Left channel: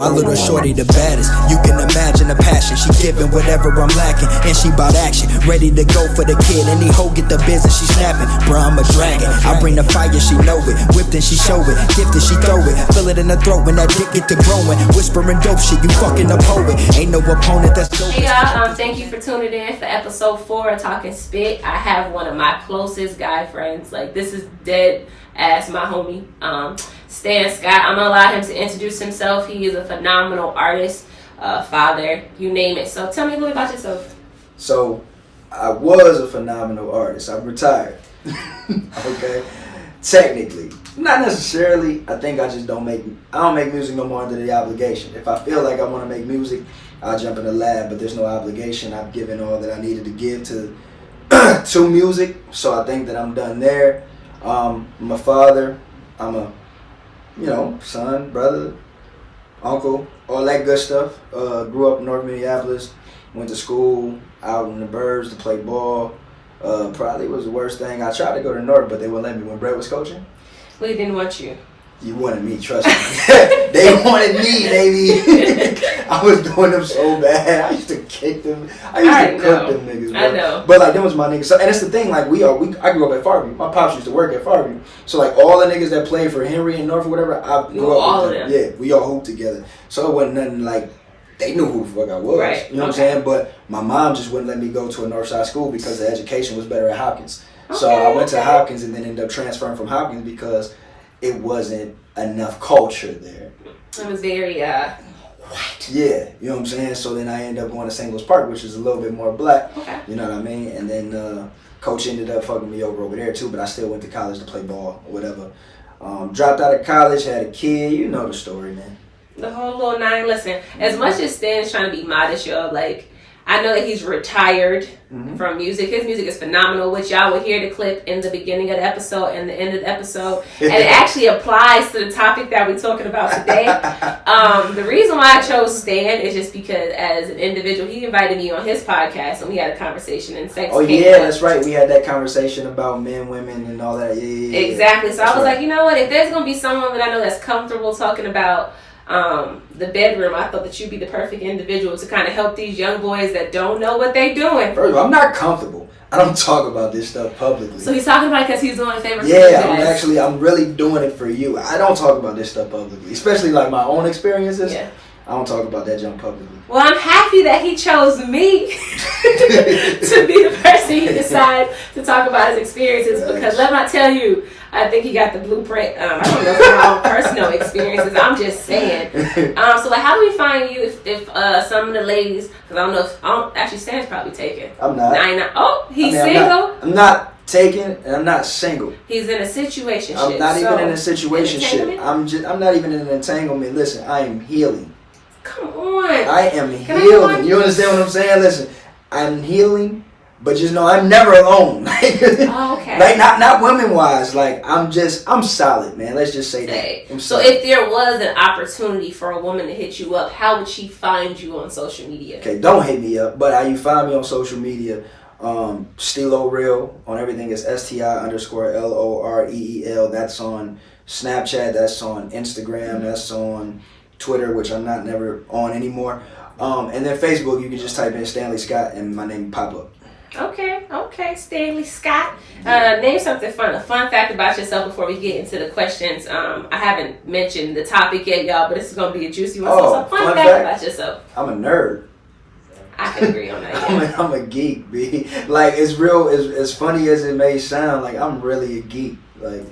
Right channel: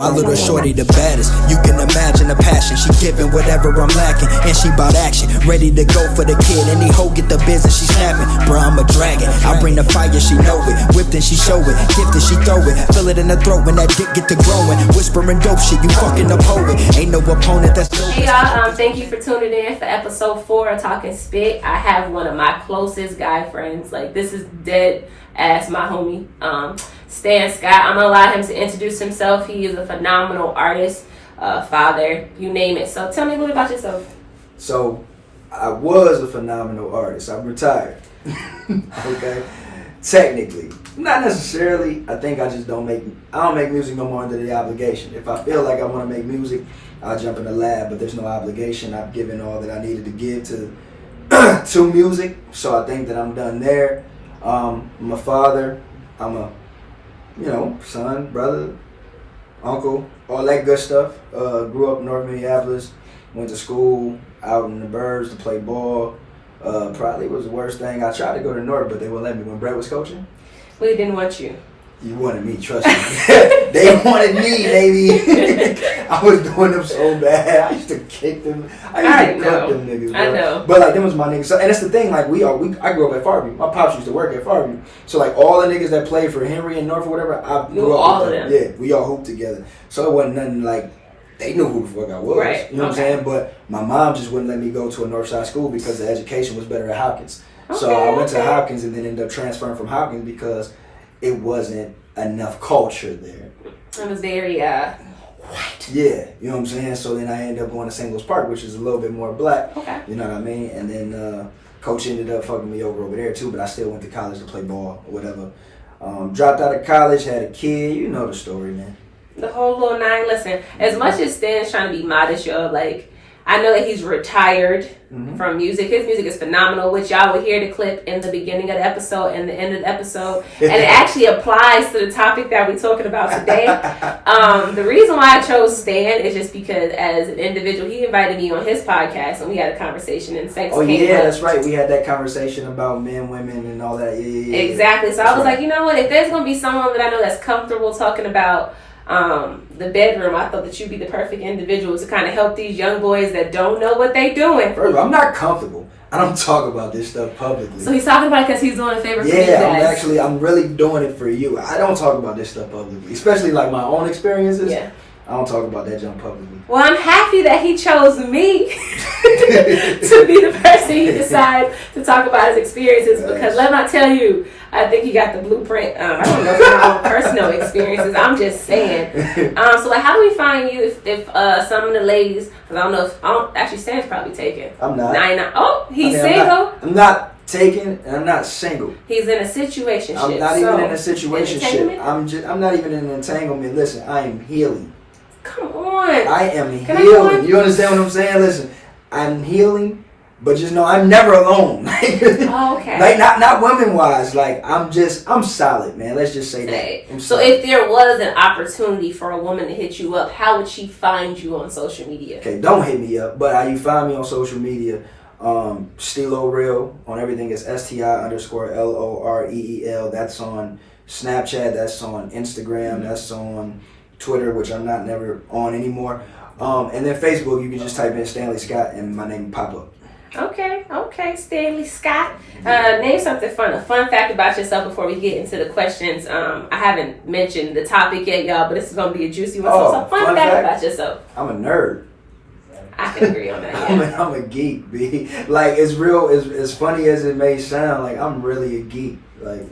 My little shorty the baddest, you can imagine the passion. She giving whatever I'm lacking, and she bout action. Ready to go for the kid, any hoe get the business, she snapping. Bruh, I'm a dragon, I bring the fire, she know it. Whipped and she show it, gifted she throw it. Feel it in the throat when that dick get to growing. Whispering dope shit, you fucking a poet. Ain't no opponent that's dope. Hey y'all, thank you for tuning in for episode 4 of TalkNSpit. I have one of my closest guy friends, like this is dead ass my homie, Stan Scott. I'm gonna allow him to introduce himself. He is a phenomenal artist, father, you name it. So tell me a little bit about yourself. So I was a phenomenal artist. I'm retired. Okay, technically, not necessarily. I think I don't make music no more under the obligation. If I feel like I want to make music, I'll jump in the lab, but there's no obligation. I've given all that I needed to give to music, so I think that I'm done there. I'm a father. I'm a son, brother, uncle, all that good stuff. Grew up in North Minneapolis, went to school out in the burbs to play ball. Probably was the worst thing. I tried to go to North, but they wouldn't let me when Brett was coaching. We didn't want you. You wanted me, trust me. They wanted me, baby. I was doing them so bad. I used to kick them. I used to cook them niggas, bro. I know. But like, them was my niggas. So, and it's the thing, like, I grew up at Farview. My pops used to work at Farview. So like, all the niggas that played for Henry and North or whatever, I grew up all with of them. Yeah, we all hooped together. So it wasn't nothing like, they knew who the fuck I was. Right. You know what I'm saying? But my mom just wouldn't let me go to a Northside school because the education was better at Hopkins. So I went to Hopkins and then ended up transferring from Hopkins because it wasn't enough culture there. It was very white. Yeah, you know what I'm saying? So then I ended up going to St. Louis Park, which is a little bit more black. Okay. You know what I mean? And then coach ended up fucking me over there too, but I still went to college to play ball or whatever. Dropped out of college, had a kid. You know the story, man. The whole little nine. Listen, as much as Stan's trying to be modest, y'all, like, I know that he's retired from music. His music is phenomenal, which y'all will hear the clip in the beginning of the episode and the end of the episode. And it actually applies to the topic that we're talking about today. The reason why I chose Stan is just because as an individual, he invited me on his podcast and we had a conversation and sex came up. That's right. We had that conversation about men, women, and all that. Yeah. Exactly. So I was like, you know what? If there's going to be someone that I know that's comfortable talking about the bedroom, I thought that you'd be the perfect individual to kind of help these young boys that don't know what they doing. First of all, I'm not comfortable. I don't talk about this stuff publicly. So he's talking about it because he's doing a favor for you guys. I'm really doing it for you. I don't talk about this stuff publicly, especially like my own experiences. Yeah. I don't talk about that junk publicly. Well, I'm happy that he chose me to be the person he decided to talk about his experiences because let me tell you, I think he got the blueprint. I don't know from my own personal experiences. I'm just saying. So, like, how do we find you if some of the ladies? Because I don't actually. Stan's probably taken. I'm not. He's single. I'm not taken, and I'm not single. He's in a situation. I'm not even in a situation. I'm not even in an entanglement. Listen, I am healing. Come on. I am healing. You understand what I'm saying? Listen, I'm healing, but just know I'm never alone. Okay. Like not women wise. Like I'm solid, man. Let's just say that. So if there was an opportunity for a woman to hit you up, how would she find you on social media? Okay, don't hit me up, but how you find me on social media? Stilo Real on everything is STI_LOREEL. That's on Snapchat. That's on Instagram. That's on Twitter, which I'm not never on anymore. And then Facebook, you can just type in Stanley Scott and my name pop up. Okay, Stanley Scott. Name something fun. A fun fact about yourself before we get into the questions. I haven't mentioned the topic yet, y'all, but this is going to be a juicy one. So, fun fact about yourself. I'm a nerd. I can agree on that. Yeah. I'm a geek, B. Like, it's real. As funny as it may sound, like I'm really a geek. Like,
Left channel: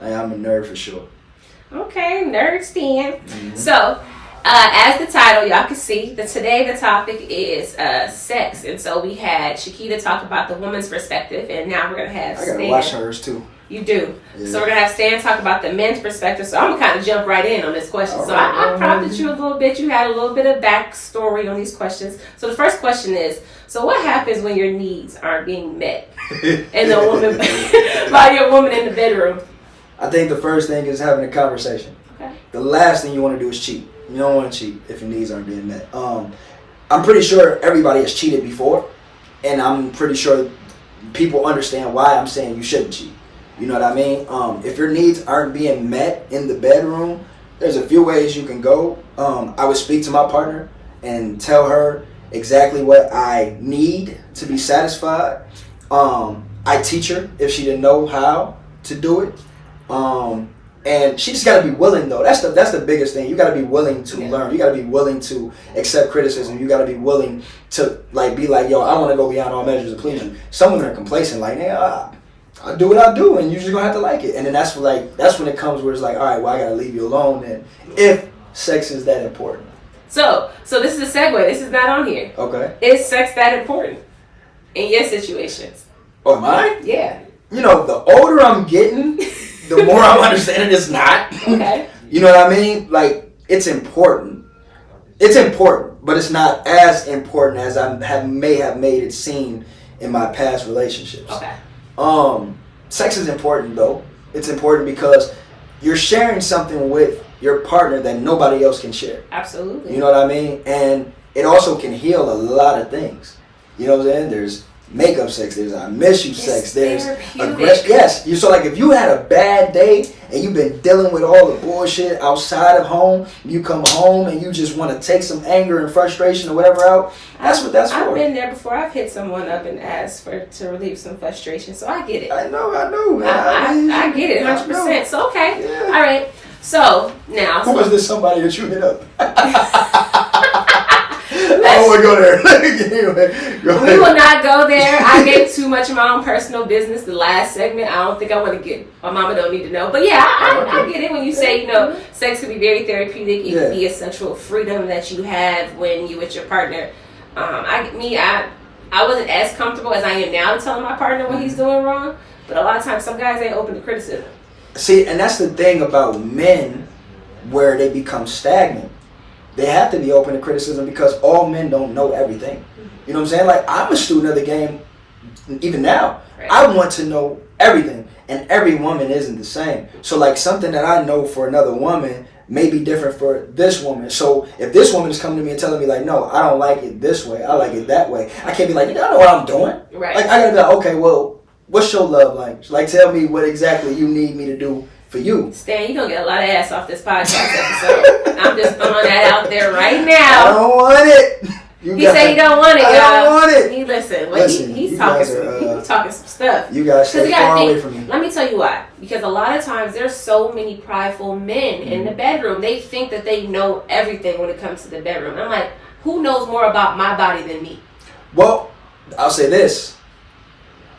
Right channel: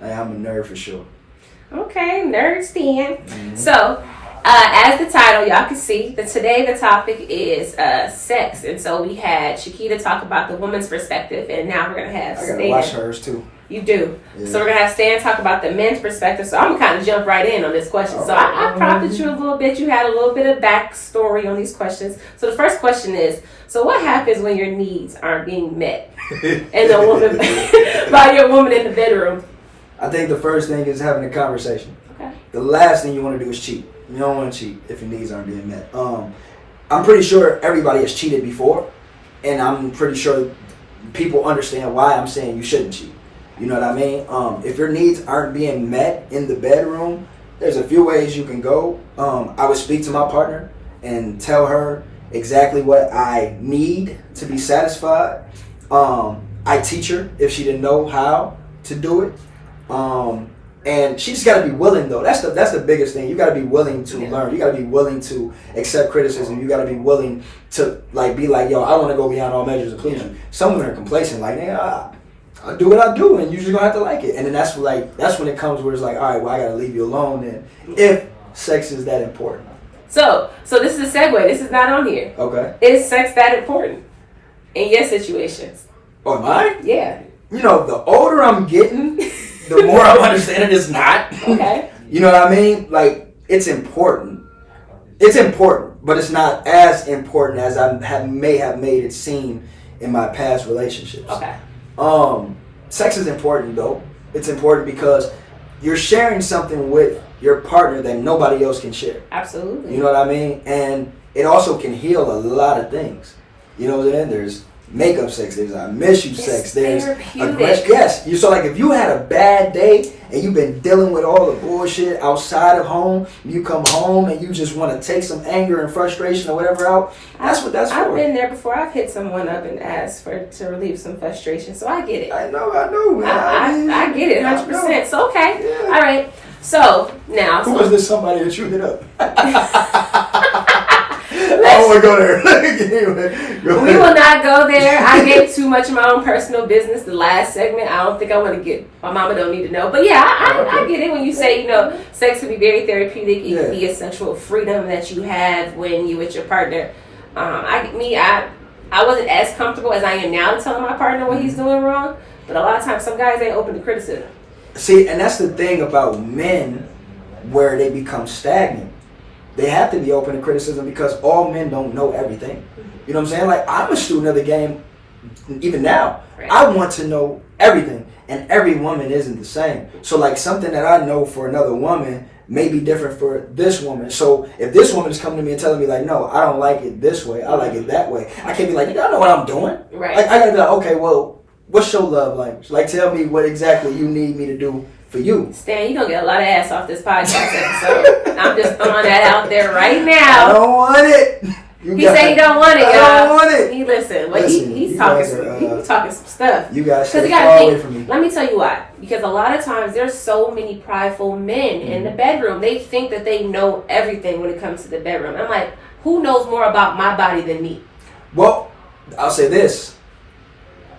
I'm a nerd for sure. Okay, nerd Stan. So, as the title, y'all can see that today the topic is sex, and so we had Shakita talk about the woman's perspective, and now we're gonna have Stan. I gotta watch hers too. You do. Yeah. So we're gonna have Stan talk about the men's perspective. So I'm gonna kind of jump right in on this question. So I prompted you a little bit. You had a little bit of backstory on these questions. So the first question is: so what happens when your needs aren't being met, and the woman by your woman in the bedroom? I think the first thing is having a conversation. Okay. The last thing you want to do is cheat. You don't want to cheat if your needs aren't being met. I'm pretty sure everybody has cheated before, and I'm pretty sure people understand why I'm saying you shouldn't cheat. You know what I mean? If your needs aren't being met in the bedroom, There's a few ways you can go. I would speak to my partner and tell her exactly what I need to be satisfied. I teach her if she didn't know how to do it. And she just got to be willing, though. That's the biggest thing. You got to be willing to learn. You got to be willing to accept criticism. You got to be willing to be like, yo, I want to go beyond all measures to please you. Some women are complacent, like, man, I do what I do, and you're just gonna have to like it. And then that's when it comes where it's like, all right, well, I gotta leave you alone. And if sex is that important. So this is a segue. This is not on here. Okay. Is sex that important in your situations? Oh, am I? Yeah. You know, the older I'm getting, the more I'm understanding it's not. Okay. You know what I mean? Like, it's important. It's important, but it's not as important as I may have made it seem in my past relationships. Okay. Sex is important, though. It's important because you're sharing something with your partner that nobody else can share. Absolutely. You know what I mean? And it also can heal a lot of things. You know what I'm saying? There's makeup sex, there's I miss you sex, there's aggression. Yes. So like if you had a bad day and you've been dealing with all the bullshit outside of home, you come home and you just want to take some anger and frustration or whatever out, that's what that's for. I've been there before. I've hit someone up and asked to relieve some frustration, so I get it. I know, man. I get it 100%. So okay. Yeah. All right. So now who was this somebody that you hit up? I don't want to go there. We will not go there. I gave too much of my own personal business the last segment. I don't think I want to get, my mama don't need to know. But yeah, I get it when you say, sex can be very therapeutic. It can be a sexual freedom that you have when you're with your partner. I wasn't as comfortable as I am now to telling my partner what he's doing wrong. But a lot of times, some guys ain't open to criticism. See, and that's the thing about men where they become stagnant. They have to be open to criticism because all men don't know everything. You know what I'm saying? Like, I'm a student of the game even now. Right. I want to know everything, and every woman isn't the same. So, like, something that I know for another woman may be different for this woman. So, if this woman is coming to me and telling me, like, no, I don't like it this way, I like it that way, I can't be like, I know what I'm doing. Right. Like, I gotta be like, okay, well, what's your love language? Like, tell me what exactly you need me to do for you. Stan, you're gonna get a lot of ass off this podcast episode. I'm just throwing that out there right now. I don't want it. He said he don't want it, y'all. I don't want it. He's talking some stuff. You guys stay far away from me. Let me tell you why. Because a lot of times there's so many prideful men in the bedroom. They think that they know everything when it comes to the bedroom. I'm like, who knows more about my body than me? Well, I'll say this.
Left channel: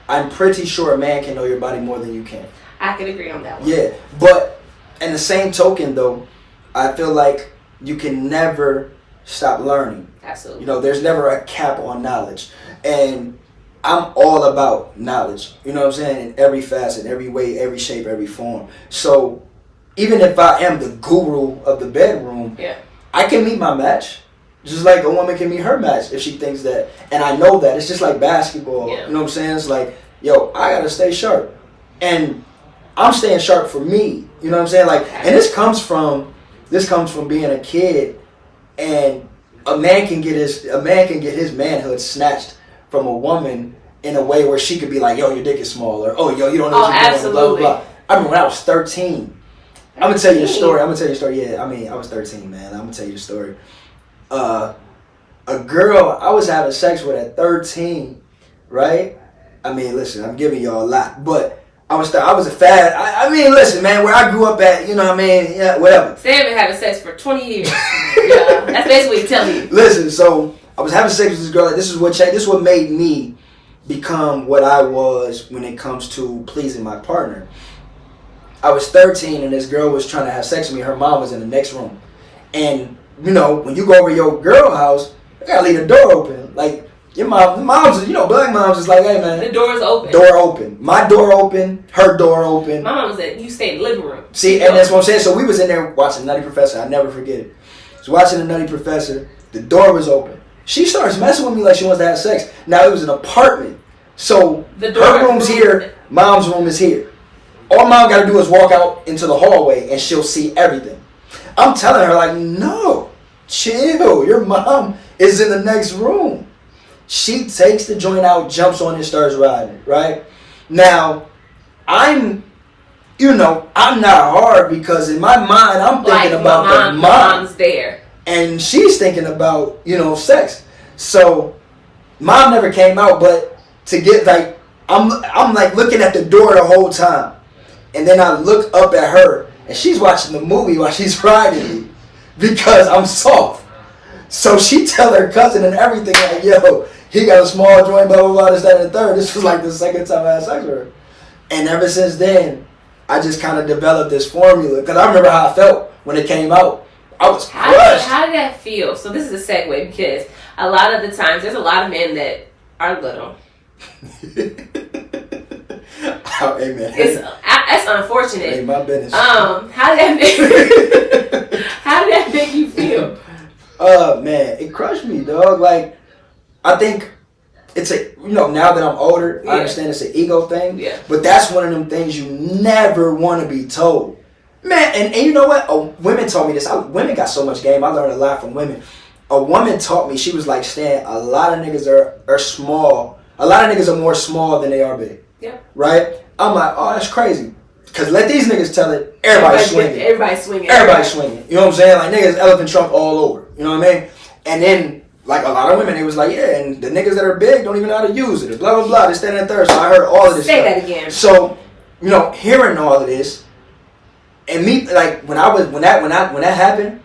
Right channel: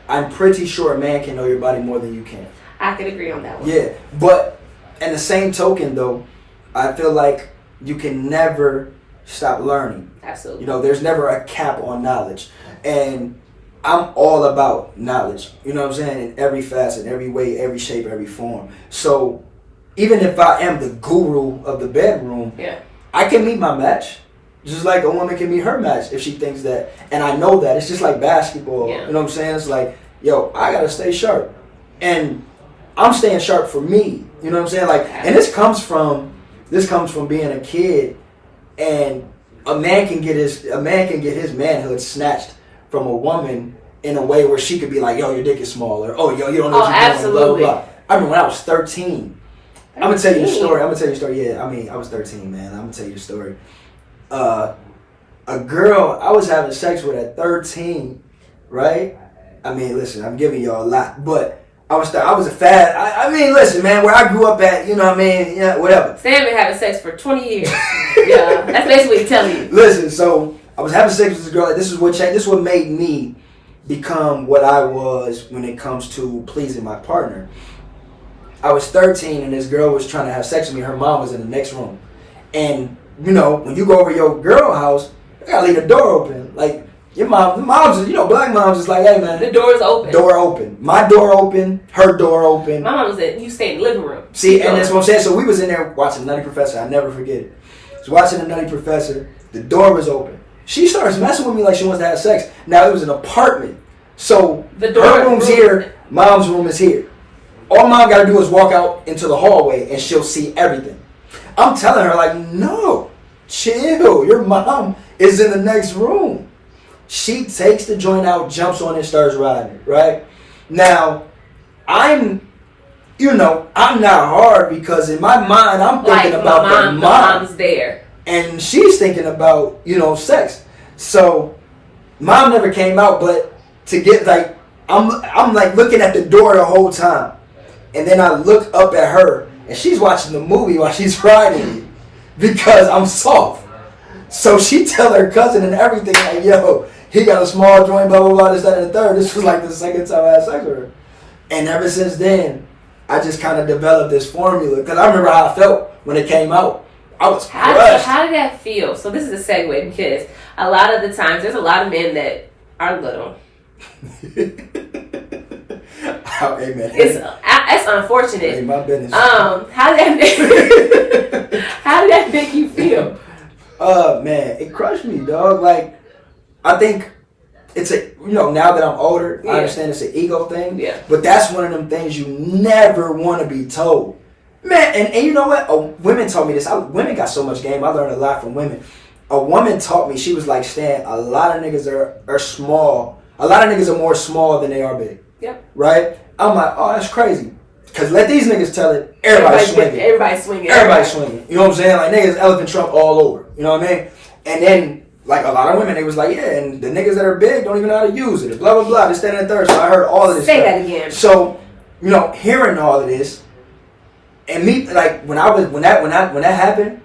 I'm pretty sure a man can know your body more than you can. I can agree on that one. Yeah, but in the same token, though, I feel like you can never stop learning. Absolutely. You know, there's never a cap on knowledge. And I'm all about knowledge. You know what I'm saying? In every facet, every way, every shape, every form. So even if I am the guru of the bedroom, I can meet my match. Just like a woman can meet her match if she thinks that. And I know that. It's just like basketball. Yeah. You know what I'm saying? It's like, yo, I got to stay sharp. And I'm staying sharp for me. You know what I'm saying? Like, and this comes from being a kid, and a man can get his manhood snatched from a woman in a way where she could be like, yo, your dick is small, or oh, yo, you don't know what you're doing, blah, blah, blah. I remember when I was 13. I'm gonna tell you a story. Yeah, I was 13, man. I'm gonna tell you the story. A girl I was having sex with at 13, right? I mean, listen, I'm giving y'all a lot, but I was a fad. I mean, listen, man, where I grew up at, you know what I mean? Yeah, whatever. Stan been having sex for 20 years. Yeah, that's basically what he's telling you. Listen, so I was having sex with this girl. Like, this is what made me become what I was when it comes to pleasing my partner. I was 13, and this girl was trying to have sex with me. Her mom was in the next room. And, you know, when you go over to your girl house, you gotta leave the door open. Like, your mom's, you know, black moms is like, hey, man. The door is open. Door open. My door open. Her door open. My mom said, you stay in the living room. See, and that's what I'm saying. So we was in there watching Nutty Professor. I never forget it. So watching the Nutty Professor, the door was open. She starts messing with me like she wants to have sex. Now, it was an apartment. So her room's here. Mom's room is here. All mom got to do is walk out into the hallway and she'll see everything. I'm telling her, like, no, chill. Your mom is in the next room. She takes the joint out, jumps on it, starts riding, right? Now, I'm you know, I'm not hard because in my mind I'm thinking like about the mom. Mom's there. And she's thinking about, you know, sex. So mom never came out, but to get like I'm like looking at the door the whole time. And then I look up at her and she's watching the movie while she's riding me because I'm soft. So she tell her cousin and everything like, yo, he got a small joint, blah, blah, blah, this, that, and the third. This was like the second time I had sex with her. And ever since then, I just kind of developed this formula because I remember how I felt when it came out. I was crushed. How did that feel? So this is a segue because a lot of the times there's a lot of men that are little. Amen. It's unfortunate. Ain't my business. How did that make you feel? Man, it crushed me, dog. Like, I think it's a, you know, now that I'm older, I understand it's an ego thing. Yeah. But that's one of them things you never want to be told. Man, and you know what? Women taught me this. Women got so much game. I learned a lot from women. A woman taught me, she was like, Stan, a lot of niggas are small. A lot of niggas are more small than they are big. Yep. Right? I'm like, oh, that's crazy. Because let these niggas tell it, everybody's swinging. Everybody's swinging. Everybody's swinging. You know what I'm saying? Like, niggas elephant trunk all over. You know what I mean? And then, like, a lot of women, they was like, yeah, and the niggas that are big don't even know how to use it. Blah, blah, blah. This, that, and the third. So I heard all of this Say stuff. that again. So, you know, hearing all of this, and me, like, when that happened,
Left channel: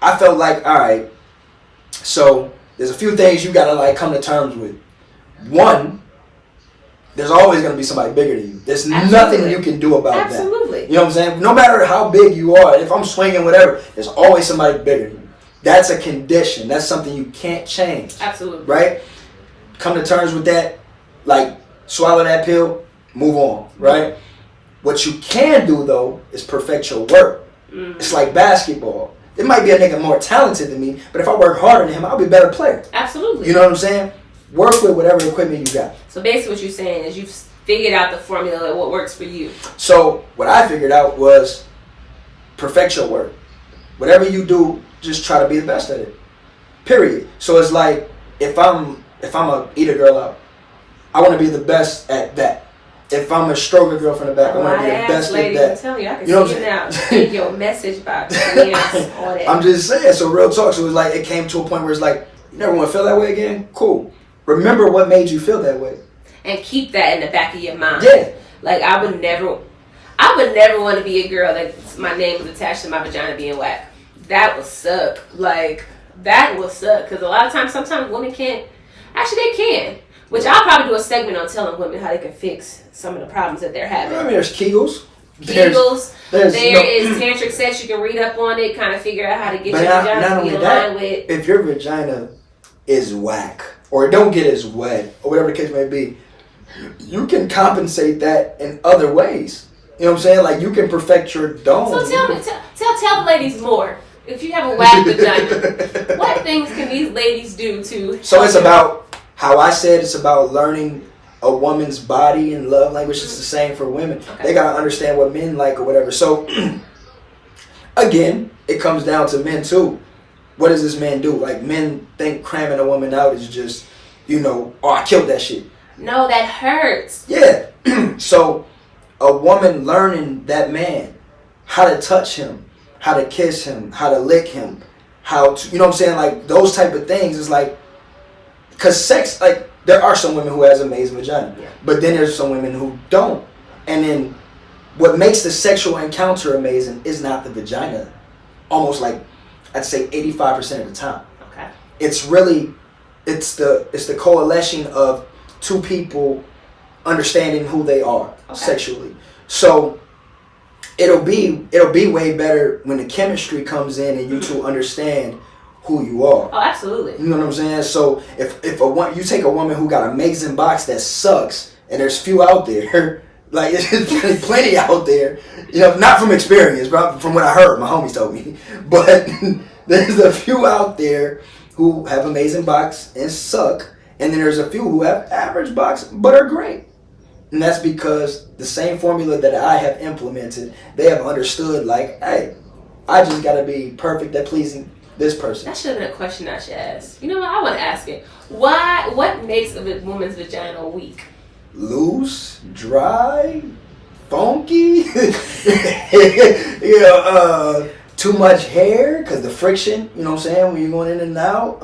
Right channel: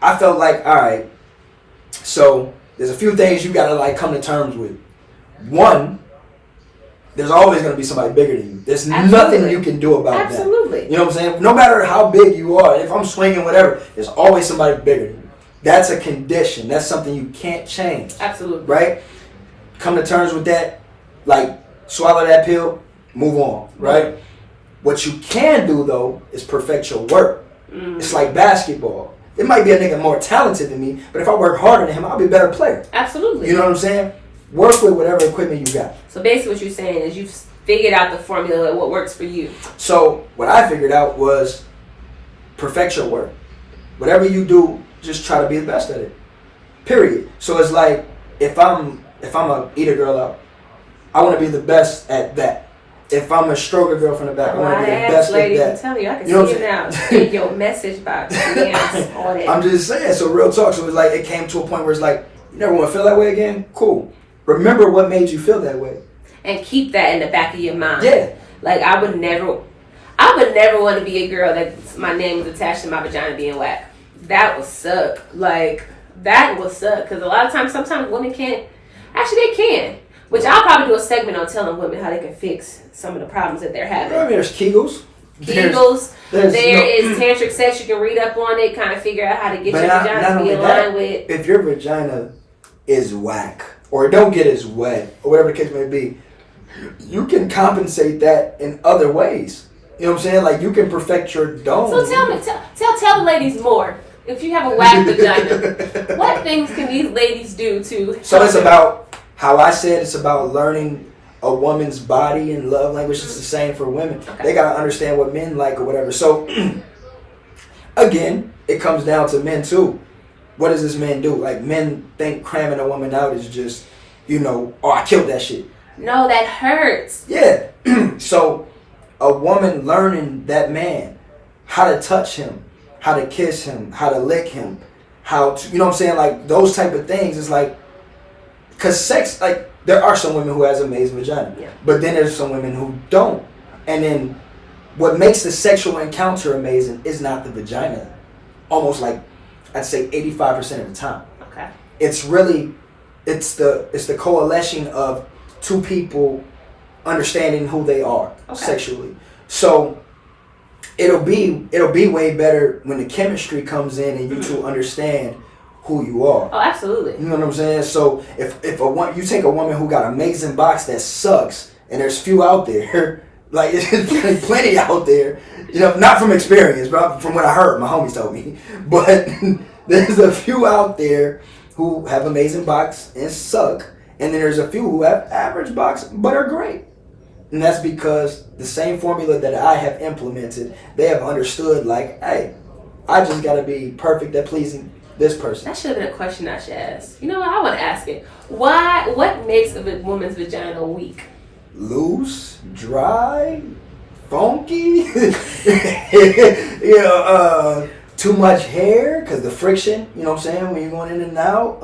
I felt like, all right, so there's a few things you gotta, like, come to terms with. One, there's always going to be somebody bigger than you. There's nothing you can do about that. Absolutely. You know what I'm saying? No matter how big you are, if I'm swinging, whatever, there's always somebody bigger than you. That's a condition. That's something you can't change. Absolutely. Right? Come to terms with that. Like, swallow that pill, move on. Right? What you can do, though, is perfect your work. It's like basketball. It might be a nigga more talented than me, but if I work harder than him, I'll be a better player. Absolutely. You know what I'm saying? Work with whatever equipment you got. So basically what you're saying is you've figured out the formula of what works for you. So what I figured out was perfect your work. Whatever you do, just try to be the best at it. Period. So it's like if I'm a eat a girl out, I want to be the best at that. If I'm a stroke a girl from the back, I want to be the best lady, at that. I'm telling you, I can you see it now. In your message box. Yes, all that. I'm just saying, so real talk. So it's like it came to a point where it's like, you never want to feel that way again? Cool. Remember what made you feel that way. And keep that in the back of your mind. Yeah. Like I would never want to be a girl that my name is attached to my vagina being whack. That would suck. Like that would suck because a lot of times, sometimes women can't. Actually, they can. Which I'll probably do a segment on telling women how they can fix some of the problems that they're having. I mean, there's Kegels. There is tantric sex. You can read up on it, kind of figure out how to get your vagina to be aligned with. If your vagina is whack or don't get as wet or whatever the case may be, you can compensate that in other ways. You know what I'm saying? Like you can perfect your dome. So tell the ladies more. If you have a whack vagina, what things can these ladies do to? So it's about how I said it's about learning a woman's body and love language. It's the same for women. Okay. They gotta understand what men like or whatever. So again, it comes down to men too. What does this man do? Like men think cramming a woman out is just, oh, I killed that shit. No, that hurts. Yeah. So a woman learning that man, how to touch him, how to kiss him, how to lick him, how to, you know what I'm saying? Like those type of things is like, because sex, like there are some women who has amazing vagina, but then there's some women who don't. And then what makes the sexual encounter amazing is not the vagina. Almost like, I'd say 85% of the time. Okay. It's the coalition of two people understanding who they are sexually. So it'll be way better when the chemistry comes in and you two understand who you are. Oh, absolutely. You know what I'm saying? So if you take a woman who got an amazing box that sucks, and there's few out there, like there's plenty out there, not from experience, but from what I heard, my homies told me. But there's a few out there who have amazing box and suck, and then there's a few who have average box but are great. And that's because the same formula that I have implemented, they have understood like, hey, I just gotta be perfect at pleasing this person. That should have been a question I should ask. You know what? I want to ask it. What makes a woman's vagina weak? Loose, dry, funky. Too much hair because the friction. You know what I'm saying? When you're going in and out.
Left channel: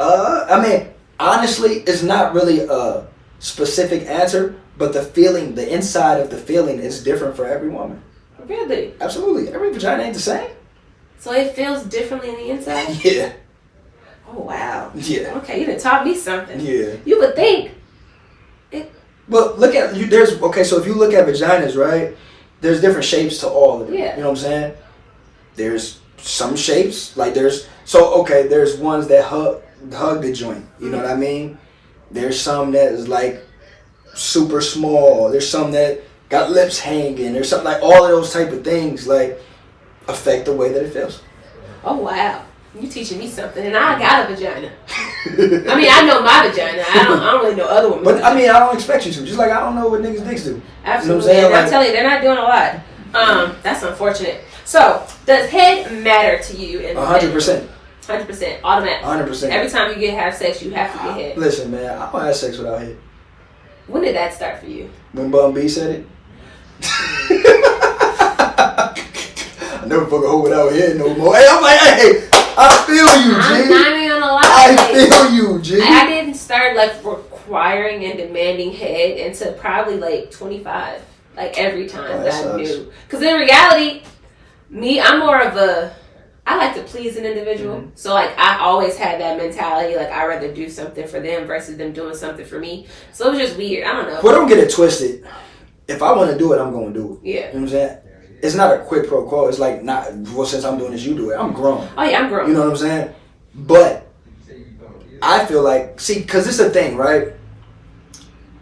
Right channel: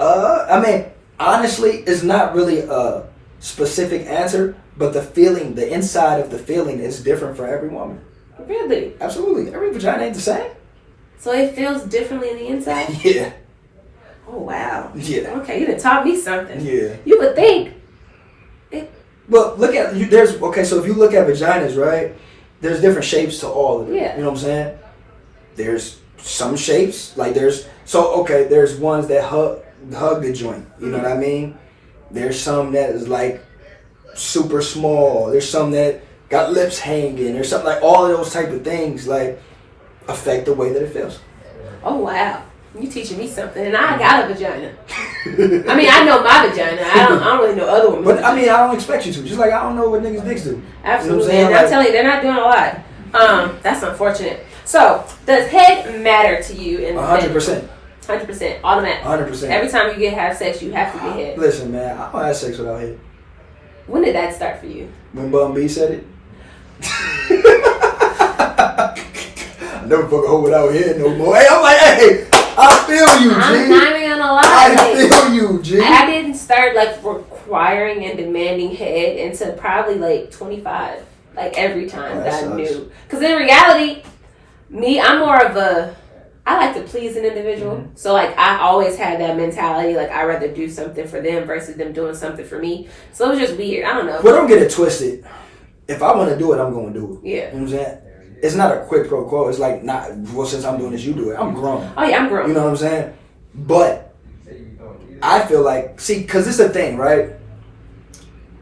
I mean, honestly, it's not really a specific answer, but the feeling, the inside of the feeling, is different for every woman. Really? Absolutely. Every vagina ain't the same. So it feels differently on the inside? Yeah. Oh, wow. Yeah. Okay, you done taught me something. Yeah. You would think. Well, look at, so if you look at vaginas, right, there's different shapes to all of them. Yeah. You know what I'm saying? There's some shapes, like there's ones that hug the joint. You know what I mean? There's some that is like super small. There's some that got lips hanging. There's something like all of those type of things like affect the way that it feels. Oh, wow. You teaching me something, and I got a vagina. I mean, I know my vagina. I don't really know other women's. But I mean, I don't expect you to. Just like I don't know what niggas' dicks do. Absolutely, You know what I'm saying? and I'm telling you, they're not doing a lot. That's unfortunate. So, does head matter to you? 100%. 100%, automatic. 100%. Every time you have sex, you have to get head. Listen, man, I don't have sex without head. When did that start for you? When Bum B said it. I never fuck a hoe without head no more. Hey, I'm like, hey, I feel you, G. I'm not even gonna lie. I feel you, G. I didn't start like requiring and demanding head until probably like 25. Like every time that I knew. Because in reality, I'm more of I like to please an individual. Mm-hmm. So like I always had that mentality. Like I'd rather do something for them versus them doing something for me. So it was just weird. I don't know. Well, don't get it twisted. If I want to do it, I'm going to do it. Yeah. You know what I'm saying? It's not a quid pro quo. It's like, since I'm doing this, you do it. I'm grown. Oh, yeah, I'm grown. You know what I'm saying? But I feel like, because it's a thing, right?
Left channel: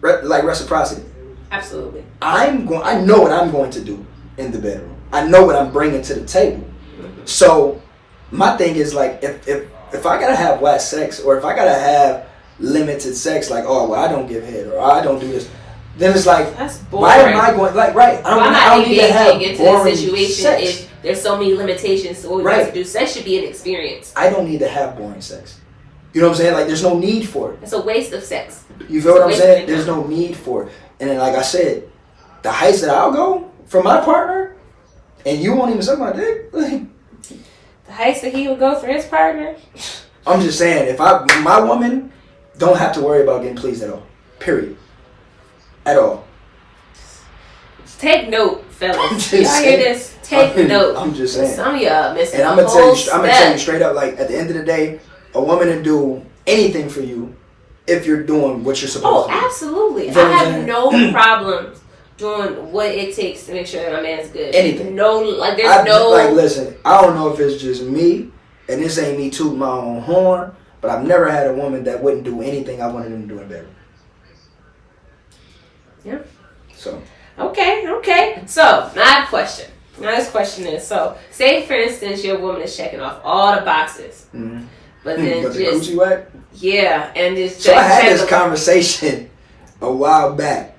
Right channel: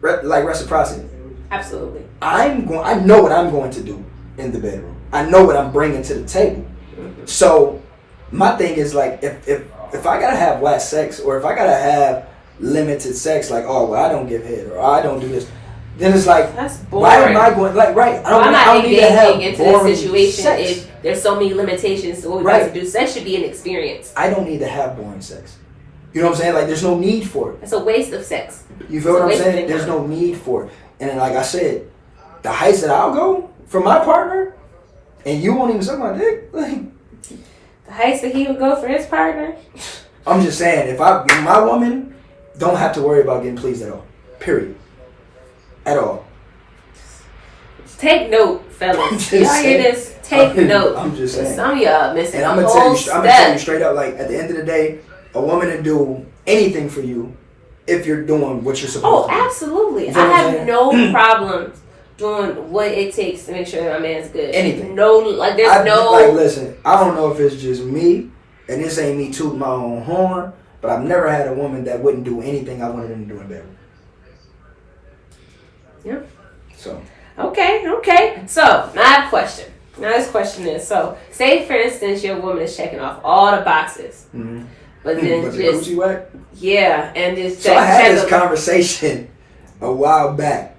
Like reciprocity. Absolutely. I know what I'm going to do in the bedroom. I know what I'm bringing to the table. Mm-hmm. So my thing is like, if I gotta have whack sex, or if I gotta have limited sex, like, oh, well, I don't give head, or I don't do this, then it's like, that's boring. Why am I going, like, right? I'm not engaging into this situation sex. if there's so many limitations to what we have to do. Sex should be an experience. I don't need to have boring sex. You know what I'm saying? Like, there's no need for it. It's a waste of sex. You feel what I'm saying? There's no need for it. And then, like I said, the heights that I'll go for my partner, and you won't even suck my dick. Like, the heights that he would go for his partner. I'm just saying, if my woman don't have to worry about getting pleased at all. Period. At all. Take note, fellas. Y'all hear this? Take note. I'm just saying. Some of y'all missing. And I'm gonna tell you straight up, like, at the end of the day, a woman will do anything for you if you're doing what you're supposed to do. Oh, absolutely. I have no problems doing what it takes to make sure my man's good. Anything. No, like, there's no. Like, listen, I don't know if it's just me, and this ain't me tooting my own horn, but I've never had a woman that wouldn't do anything I wanted them to do in bed. Yeah. So. Okay. So, my question. Now, this question is, so, say, for instance, your woman is checking off all the boxes. Mm-hmm. But then but just. The coochie whack? Yeah, and just. So, I had this conversation a while back.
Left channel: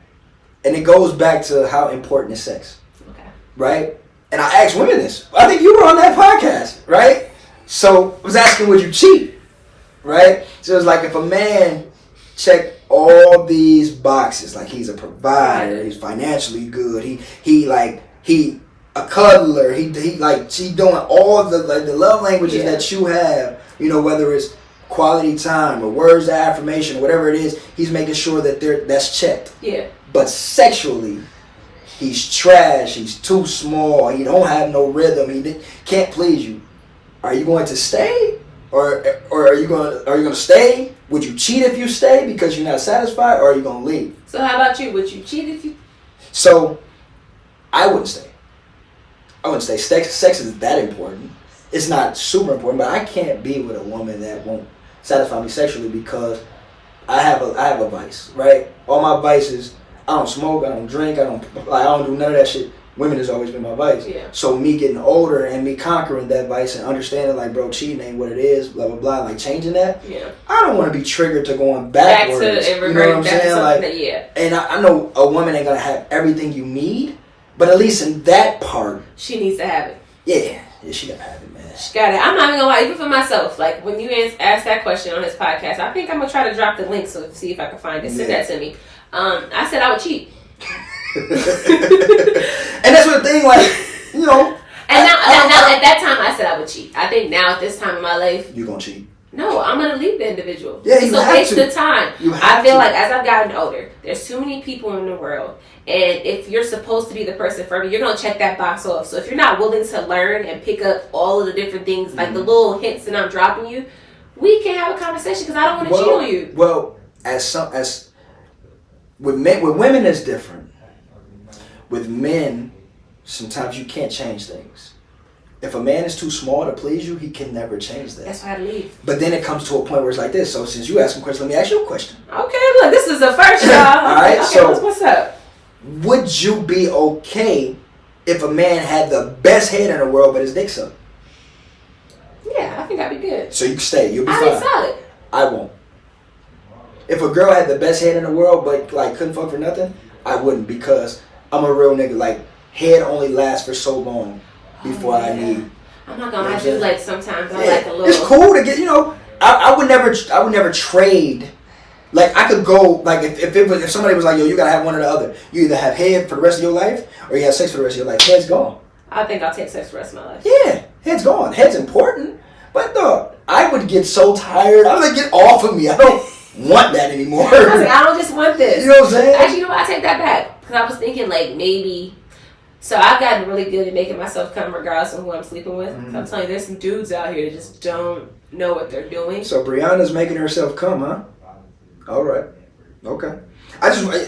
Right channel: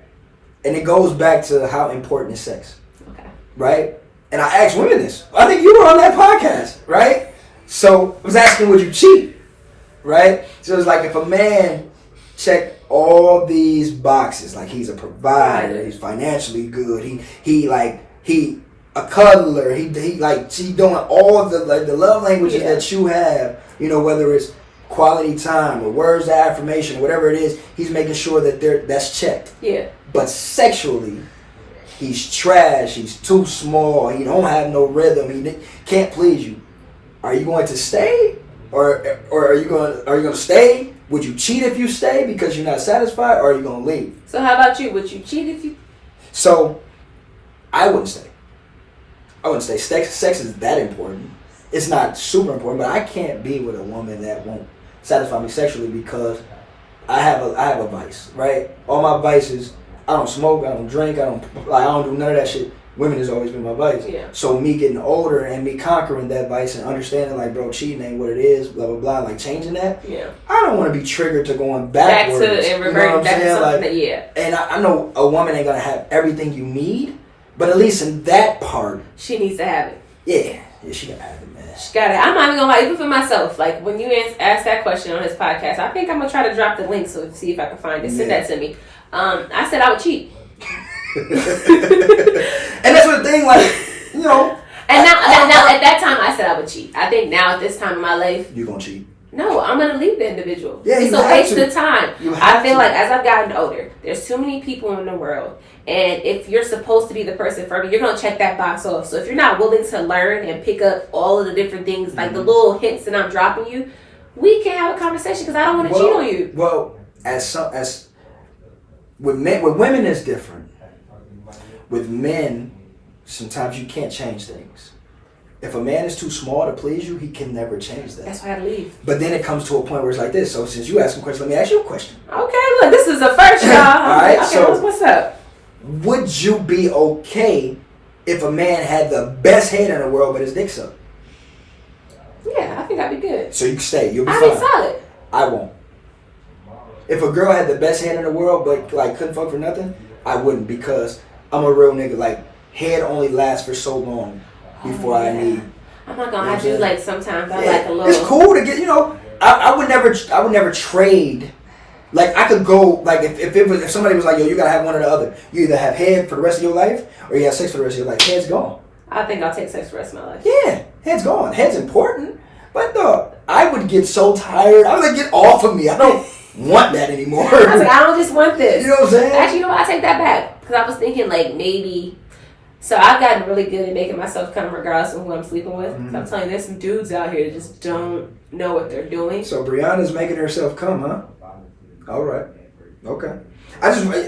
And it goes back to how important is sex. Okay. Right? And I asked women this. I think you were on that podcast, right? So, I was asking, would you cheat? Right? So, it's like if a man checked all these boxes, like he's a provider, he's financially good, he a cuddler, he doing all the love languages that you have, you know, whether it's quality time or words of affirmation or whatever it is, he's making sure that that's checked. Yeah. But sexually, he's trash, he's too small, he don't have no rhythm, he can't please you. Are you going to stay? Or are you gonna stay? Would you cheat if you stay because you're not satisfied, or are you gonna leave? So how about you? Would you cheat if you? So, I wouldn't stay. Sex is that important. It's not super important, but I can't be with a woman that won't satisfy me sexually because I have a vice, right? All my vices. I don't smoke. I don't drink. I don't do none of that shit. Women has always been my vice. Yeah. So me getting older and me conquering that vice and understanding, like, bro, cheating ain't what it is, blah, blah, blah, like changing that. Yeah. I don't want to be triggered to going backwards. Back to and reverting back to something that, yeah. And I know a woman ain't going to have everything you need, but at least in that part. She needs to have it. Yeah, she got to have it, man. She got it. I'm not even going to lie, even for myself, like, when you asked that question on his podcast, I think I'm going to try to drop the link so see if I can find it. Send that to me. I said I would cheat. And that's what the thing, like, you know. And now, at that time, I said I would cheat. I think now, at this time in my life, You're going to cheat. no, I'm going to leave the individual. Yeah, It's a waste of time. I feel to. like as I've gotten older, there's too many people in the world. And if you're supposed to be the person for me, you're going to check that box off. So if you're not willing to learn and pick up all of the different things, like the little hints that I'm dropping you, we can have a conversation because I don't want to cheat on you. Well, as with women, it's different. With men, sometimes you can't change things. If a man is too small to please you, he can never change that. That's why I leave. But then it comes to a point where it's like this. So since you asked me a question, let me ask you a question. Okay, look, this is the first, y'all. All right, okay, so what's up? Would you be okay if a man had the best head in the world but his dick sucked? Yeah, I think I'd be good. So you can stay. You'll be I'd fine. be solid. I won't. If a girl had the best head in the world but like couldn't fuck for nothing, I wouldn't, because I'm a real nigga. Like, head only lasts for so long before I need. I'm not gonna lie to you. Like, sometimes I like a little. It's cool to get, you know. I would never trade. Like, I could go, like, if somebody was like, yo, you gotta have one or the other. You either have head for the rest of your life or you have sex for the rest of your life. Head's gone. I think I'll take sex for the rest of my life. Yeah, head's gone. Head's important. But dog, I would get so tired. I would like, get off of me. I don't want that anymore. I was like, I don't just want this. You know what I'm saying? Actually, you know what? I take that back. Because I was thinking, like, maybe. So I've gotten really good at making myself come regardless of who I'm sleeping with. So I'm telling you, there's some dudes out here that just don't know what they're doing. So Brianna's making herself come, huh? All right. Okay. Okay.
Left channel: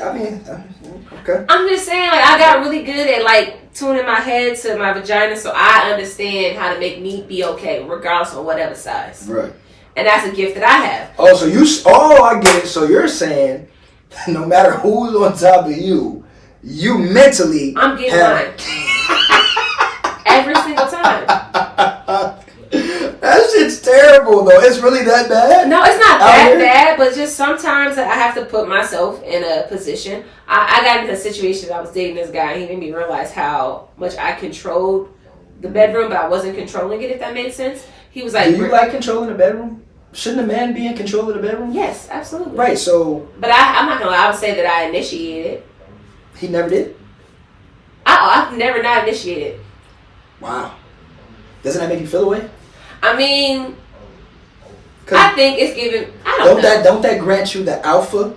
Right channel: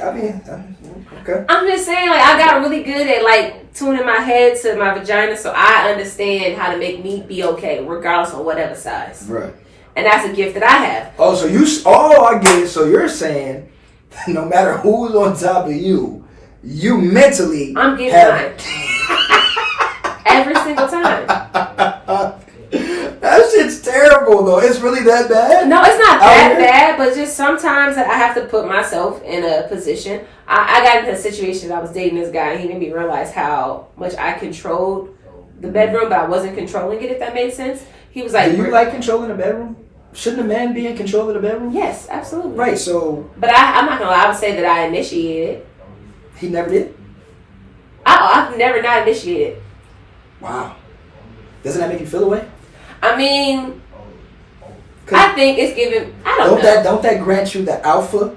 I'm just saying, like, I got really good at, like, tuning my head to my vagina, so I understand how to make me be okay, regardless of whatever size. Right. And that's a gift that I have. Oh, I get it. So you're saying, no matter who's on top of you, you mentally I'm getting mine. Every single time. That shit's terrible, though. It's really that bad? No, it's not that bad, but just sometimes I have to put myself in a position. I got into a situation that I was dating this guy, and he made me realize how much I controlled the bedroom, but I wasn't controlling it, if that made sense. He was like... Do you like controlling the bedroom? Shouldn't a man be in control of the bedroom? Yes, absolutely. Right, so... But I'm not going to lie, I would say that I initiated. He never did? I've never not initiated. Wow. Doesn't that make you feel away? I mean, I think it's given. I don't know. Don't that grant you the alpha?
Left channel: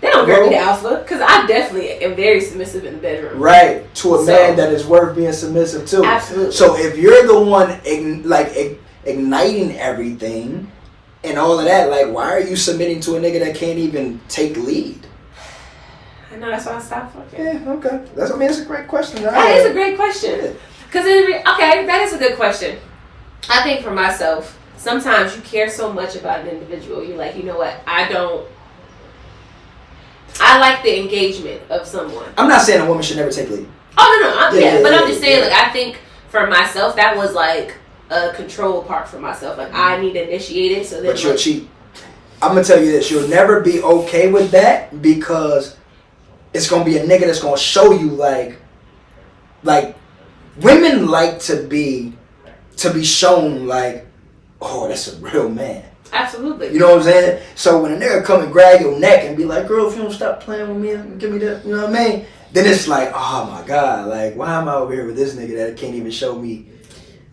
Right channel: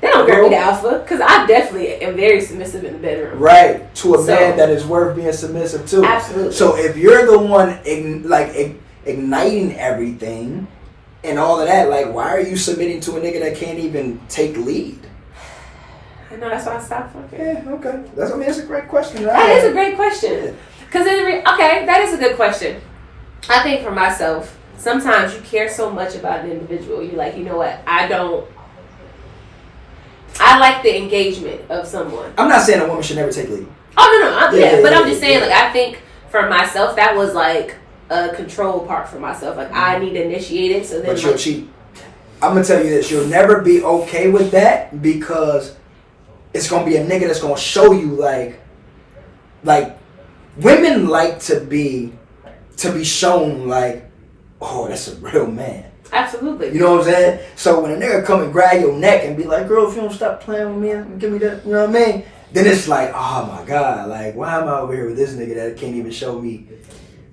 They don't grant me the alpha, because I definitely am very submissive in the bedroom. Right, to a man that is worth being submissive to. Absolutely. So if you're the one igniting everything and all of that, like, why are you submitting to a nigga that can't even take lead? I know, that's why I stopped fucking. Yeah, okay. It's a great question. That is a great question. Because okay, that is a good question. I think for myself, sometimes you care so much about an individual. You're like, you know what? I like the engagement of someone. I'm not saying a woman should never take lead. Oh, no. But I'm just saying, like, I think for myself, that was like a control part for myself. Like, I need to initiate it. So then, but you'll cheat. I'm going to tell you this. You'll never be okay with that, because it's going to be a nigga that's going to show you, like, women like to be shown, like, oh, that's a real man. Absolutely. You know what I'm saying? So when a nigga come and grab your neck and be like, girl, if you don't stop playing with me and give me that, you know what I mean? Then it's like, oh my God, like, why am I over here with this nigga that can't even show me?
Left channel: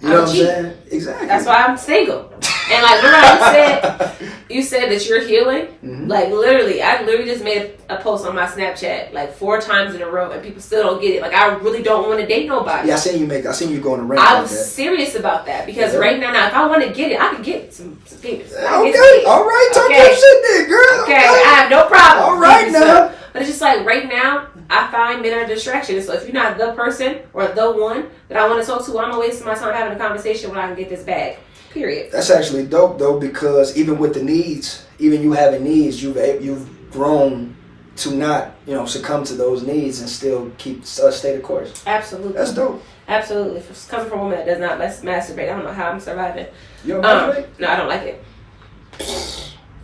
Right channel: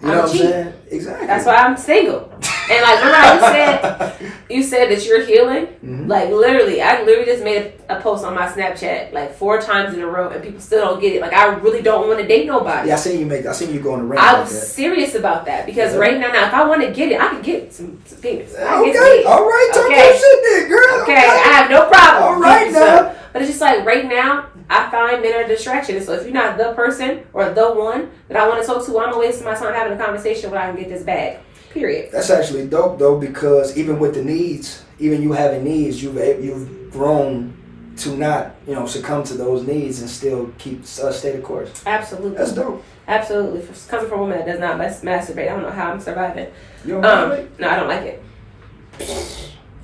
You know what I'm saying? Exactly. That's why I'm single. And like, remember how you said that you're healing? Mm-hmm. Like, I literally just made a post on my Snapchat like 4 times in a row, and people still don't get it. Like, I really don't want to date nobody. Yeah, I seen you go in a ring. I was serious about that, because right now, if I want to get it, I can get some penis. Okay, all right, talk that shit then, girl. Okay, I have no problem. All right now. But it's just like, right now, I find men are distractions. So if you're not the person or the one that I want to talk to, I'm going to waste my time having a conversation when I can get this bag. Period. That's actually dope, though, because even with the needs, even you having needs, you've grown to not, succumb to those needs and still stay the course. Absolutely. That's dope. Absolutely. Coming from a woman that does not masturbate, I don't know how I'm surviving. You don't masturbate? No, I don't like it.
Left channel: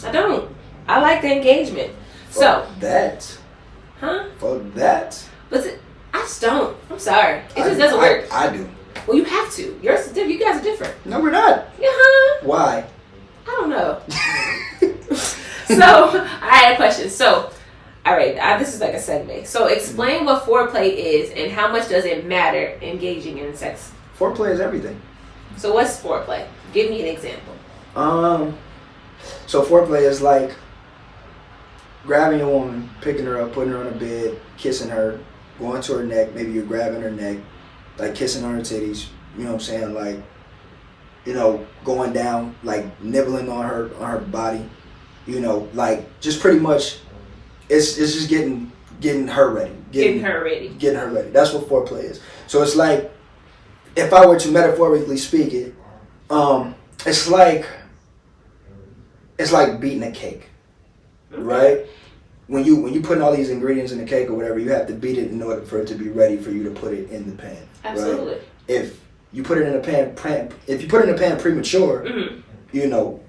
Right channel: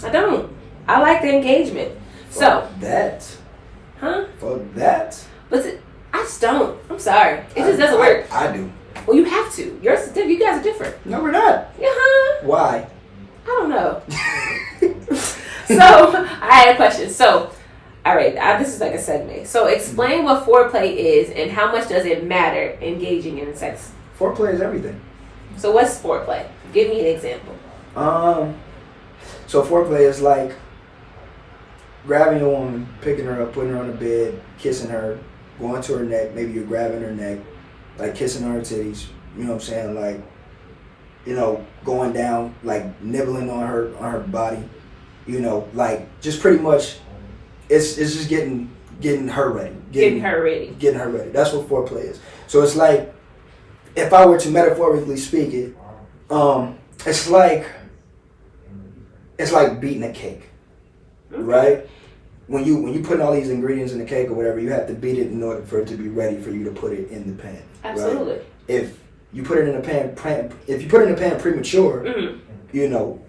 I don't. I like the engagement. Fuck that. Huh? Fuck that. But I just don't. I'm sorry. It just doesn't work. I do. Well, you have to. You guys are different. No, we're not. Yeah. Why? I don't know. So, I had a question. So, All right, this is like a segue. So explain what foreplay is and how much does it matter engaging in sex? Foreplay is everything. So what's foreplay? Give me an example. So foreplay is like grabbing a woman, picking her up, putting her on a bed, kissing her, going to her neck. Maybe you're grabbing her neck, like kissing on her titties. You know what I'm saying? Like, you know, going down, like nibbling on her body. You know, like just pretty much, it's just getting her ready. Getting her ready. Getting her ready. That's what foreplay is. So it's like, if I were to metaphorically speak it, it's like beating a cake, right? When you put all these ingredients in the cake or whatever, you have to beat it in order for it to be ready for you to put it in the pan. Absolutely. Right? If you put it in a pan, premature, you know,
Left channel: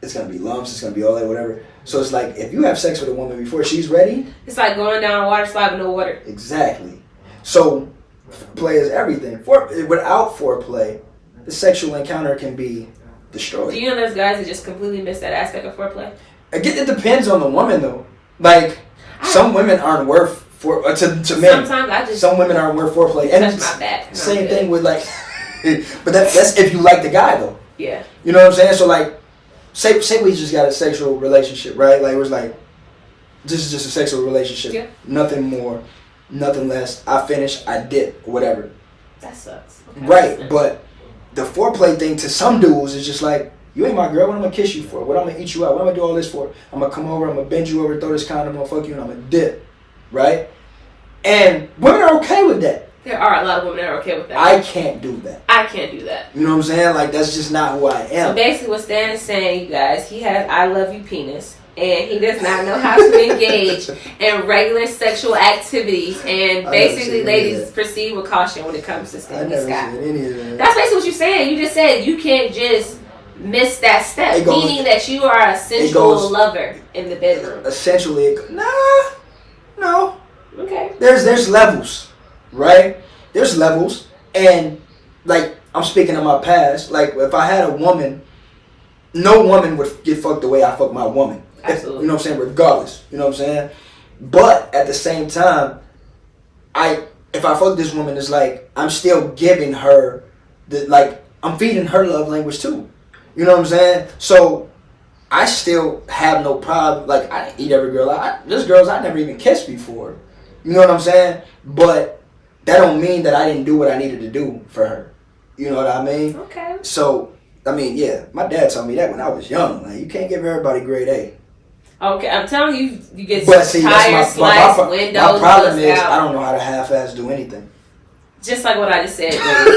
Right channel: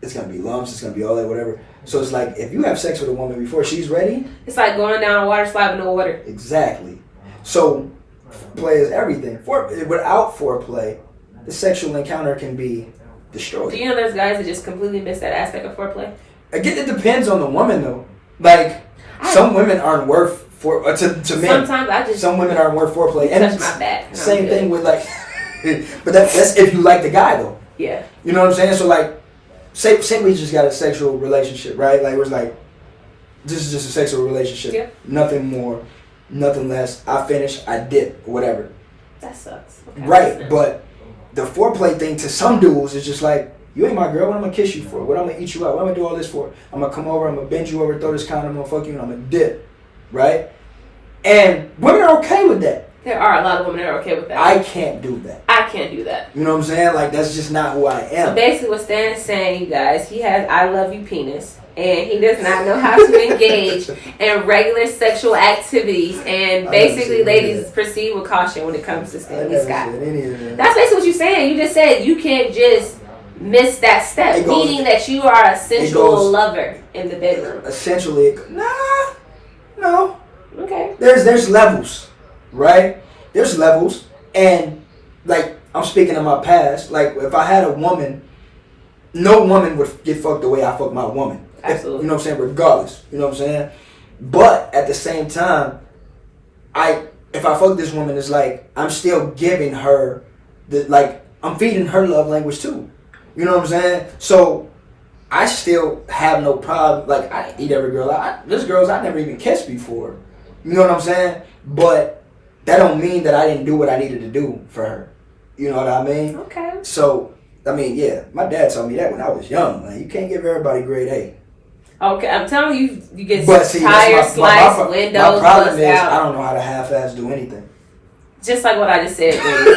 it's gonna be lumps, it's gonna be all that, whatever. So it's like if you have sex with a woman before she's ready, it's like going down a water slide with no water. Exactly. So foreplay is everything. Without foreplay, the sexual encounter can be destroyed. Do you know there's guys that just completely miss that aspect of foreplay? It depends on the woman though. Like some women aren't worth to men. Sometimes some women aren't worth foreplay. And touch my back. Same thing with like, but that's if you like the guy though. Yeah. You know what I'm saying? So like, say we just got a sexual relationship, right? Like it was like, this is just a sexual relationship. Yeah. Nothing more, nothing less. I finish, I dip, whatever. That sucks. Okay. Right, but the foreplay thing to some dudes is just like, you ain't my girl, what I'm gonna kiss you for? What I'm gonna eat you out? What I'm gonna do all this for? I'm gonna come over, I'm gonna bend you over, throw this condom, I'm gonna fuck you, and I'm gonna dip. Right? And women are okay with that. There are a lot of women that are okay with that. I can't do that. I can't do that. You know what I'm saying? Like, that's just not who I am. So basically what Stan is saying, you guys, he has I love you penis. And he does not know how to engage in regular sexual activities. And basically, ladies, proceed with caution when it comes to Stanley Scott. That's basically what you're saying. You just said you can't just miss that step, meaning that you are a sensual lover in the bedroom. Essentially, no. Okay. There's levels, right? There's levels, and like I'm speaking of my past. Like if I had a woman, no woman would get fucked the way I fuck my woman. Absolutely. You know what I'm saying? Regardless. You know what I'm saying? But at the same time, if I fuck this woman, it's like I'm still giving her I'm feeding her love language too. You know what I'm saying? So I still have no problem. Like I eat every girl. There's girls I never even kissed before. You know what I'm saying? But that don't mean that I didn't do what I needed to do for her. You know what I mean? Okay. So I mean, yeah, my dad told me that when I was young. Like you can't give everybody grade A. Okay, I'm telling you, you get tires sliced, windows, my problem is out. I don't know how to half-ass do anything. Just like what I just said, baby.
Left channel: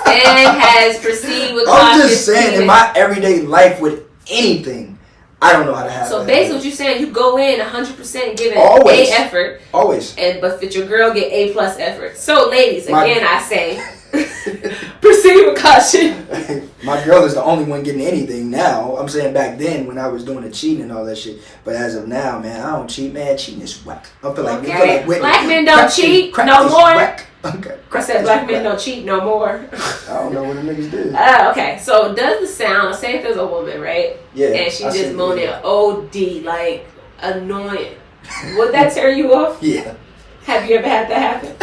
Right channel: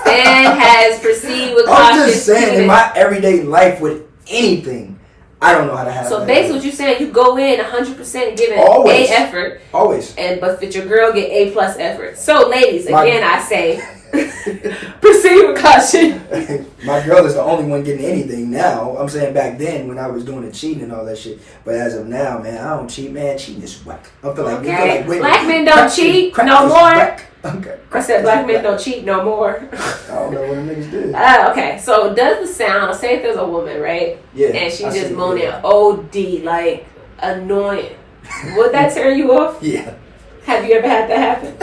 Stan has proceeded with I'm just saying, in my everyday life with anything, I don't know how to half-ass. So basically, what you're saying, you go in 100% giving Always. A effort, always, but your girl get A+ effort. So, ladies, again, I say. Proceed with caution. My girl is the only one getting anything now. I'm saying back then when I was doing the cheating and all that shit. But as of now, man, I don't cheat, man. Cheating is whack. I feel like, black men don't cheat no more. Okay. I said black men don't cheat no more. I don't know what the niggas do. Okay, so does the sound, say if there's a woman, right? Yeah. And she just moaning OD, like annoying. Would that turn you off? Yeah. Have you ever had that happen?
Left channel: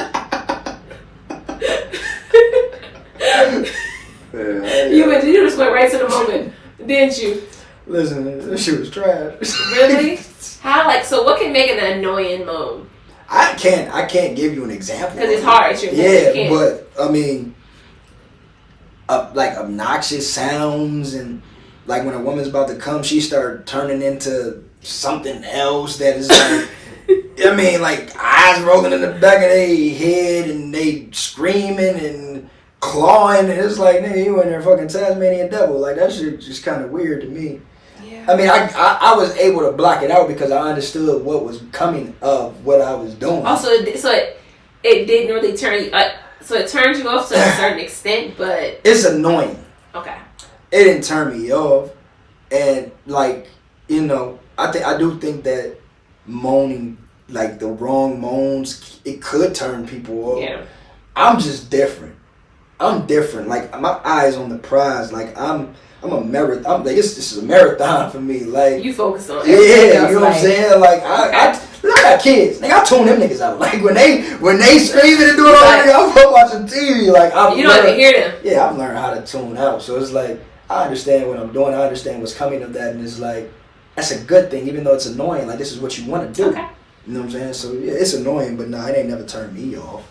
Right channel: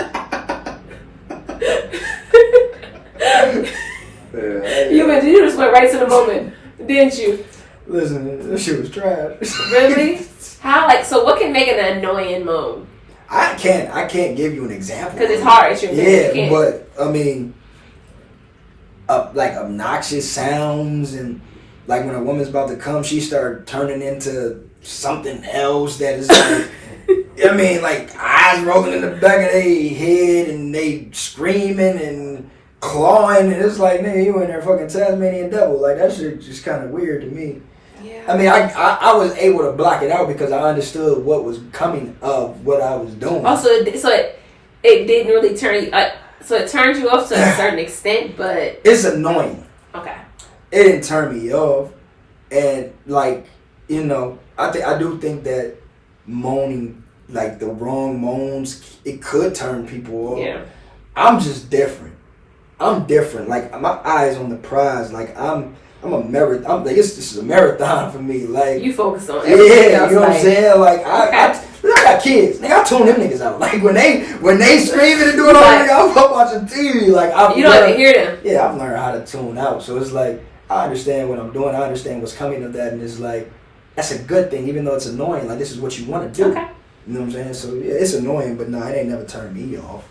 You just went right to the moment, didn't you? Listen, this shit was trash. Really? How? So what can make an annoying moan? I can't give you an example because it's hard. It's your but I mean, like obnoxious sounds and like when a woman's about to come, she start turning into something else that is. Like, I mean, like eyes rolling in the back of their head and they screaming and clawing. And it's like, nigga, you in there fucking Tasmanian devil. Like that shit just kind of weird to me. Yeah. I mean, I was able to block it out because I understood what was coming of what I was doing. Also, so it didn't really turn you. So it turned you off to a certain extent, but it's annoying. Okay. It didn't turn me off, and like I do think that moaning. Like the wrong moans, it could turn people off. Yeah. I'm just different. I'm different. Like my eyes on the prize. Like I'm a marathon. I'm like this is a marathon for me. Like you focus on everything else, you know what I'm saying? Like I I got kids. Nigga, I tune them niggas out. Like when they screaming and doing all that, I'm watching TV. Like you don't even hear them. Yeah, I've learned how to tune out. So it's like I understand what I'm doing. I understand what's coming of that, and it's like that's a good thing, even though it's annoying. Like this is what you want to do. Okay. You know what I'm saying? So yeah, it's annoying, but no, it ain't never turned me off.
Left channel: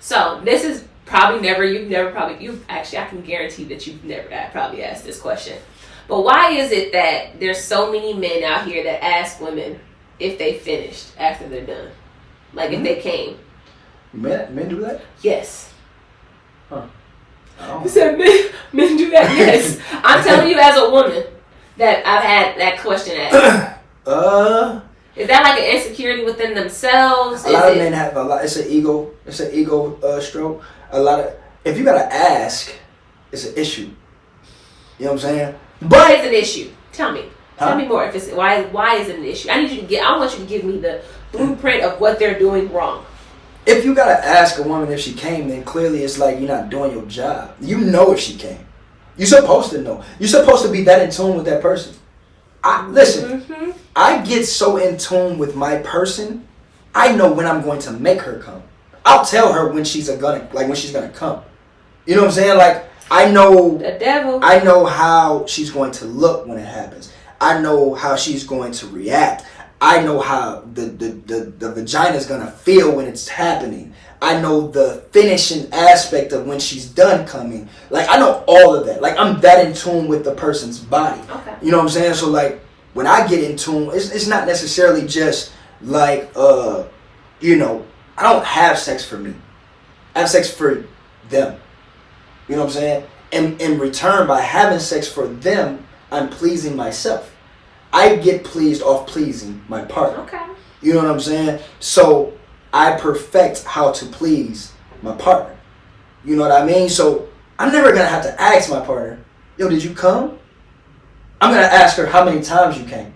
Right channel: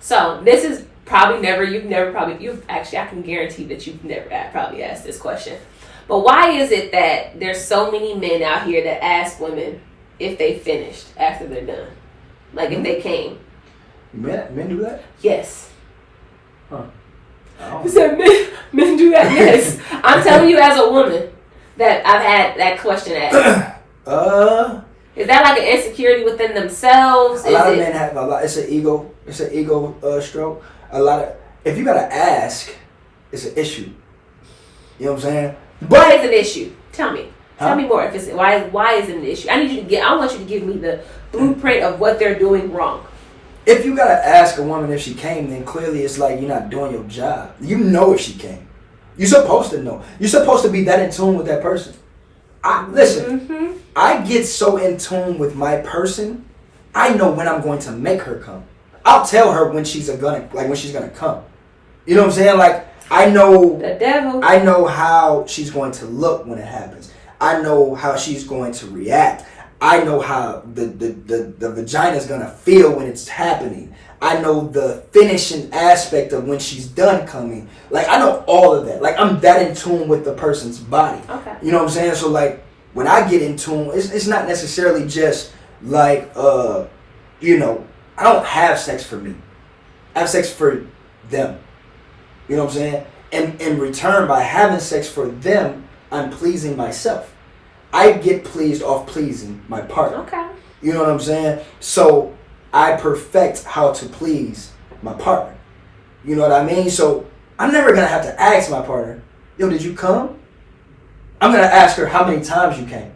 So this is probably I can guarantee that you've never probably asked this question. But why is it that there's so many men out here that ask women if they finished after they're done? Like if they came. Men do that? Yes. Huh. You said men do that? Yes. I'm telling you as a woman that I've had that question asked. Is that like an insecurity within themselves? A lot of men have a lot. It's an ego stroke. A lot of, if you gotta ask, it's an issue. You know what I'm saying? Why is it an issue? Tell me. Huh? Tell me more. If it's why is it an issue? I want you to give me the blueprint of what they're doing wrong. If you gotta ask a woman if she came, then clearly it's like you're not doing your job. You know if she came. You're supposed to know. You're supposed to be that in tune with that person. Listen, I get so in tune with my person, I know when I'm going to make her come. I'll tell her when she's gonna come. You know what I'm saying? Like I know the devil. I know how she's going to look when it happens. I know how she's going to react. I know how the vagina's gonna feel when it's happening. I know the finishing aspect of when she's done coming. Like I know all of that. Like I'm that in tune with the person's body. Okay. You know what I'm saying? So like when I get in tune, it's not necessarily just like you know, I don't have sex for me. I have sex for them. You know what I'm saying? And in return, by having sex for them, I'm pleasing myself. I get pleased off pleasing my partner. Okay. You know what I'm saying? So I perfect how to please my partner. You know what I mean? So I'm never going to have to ask my partner, yo, did you come? I'm going to ask her how many times you came.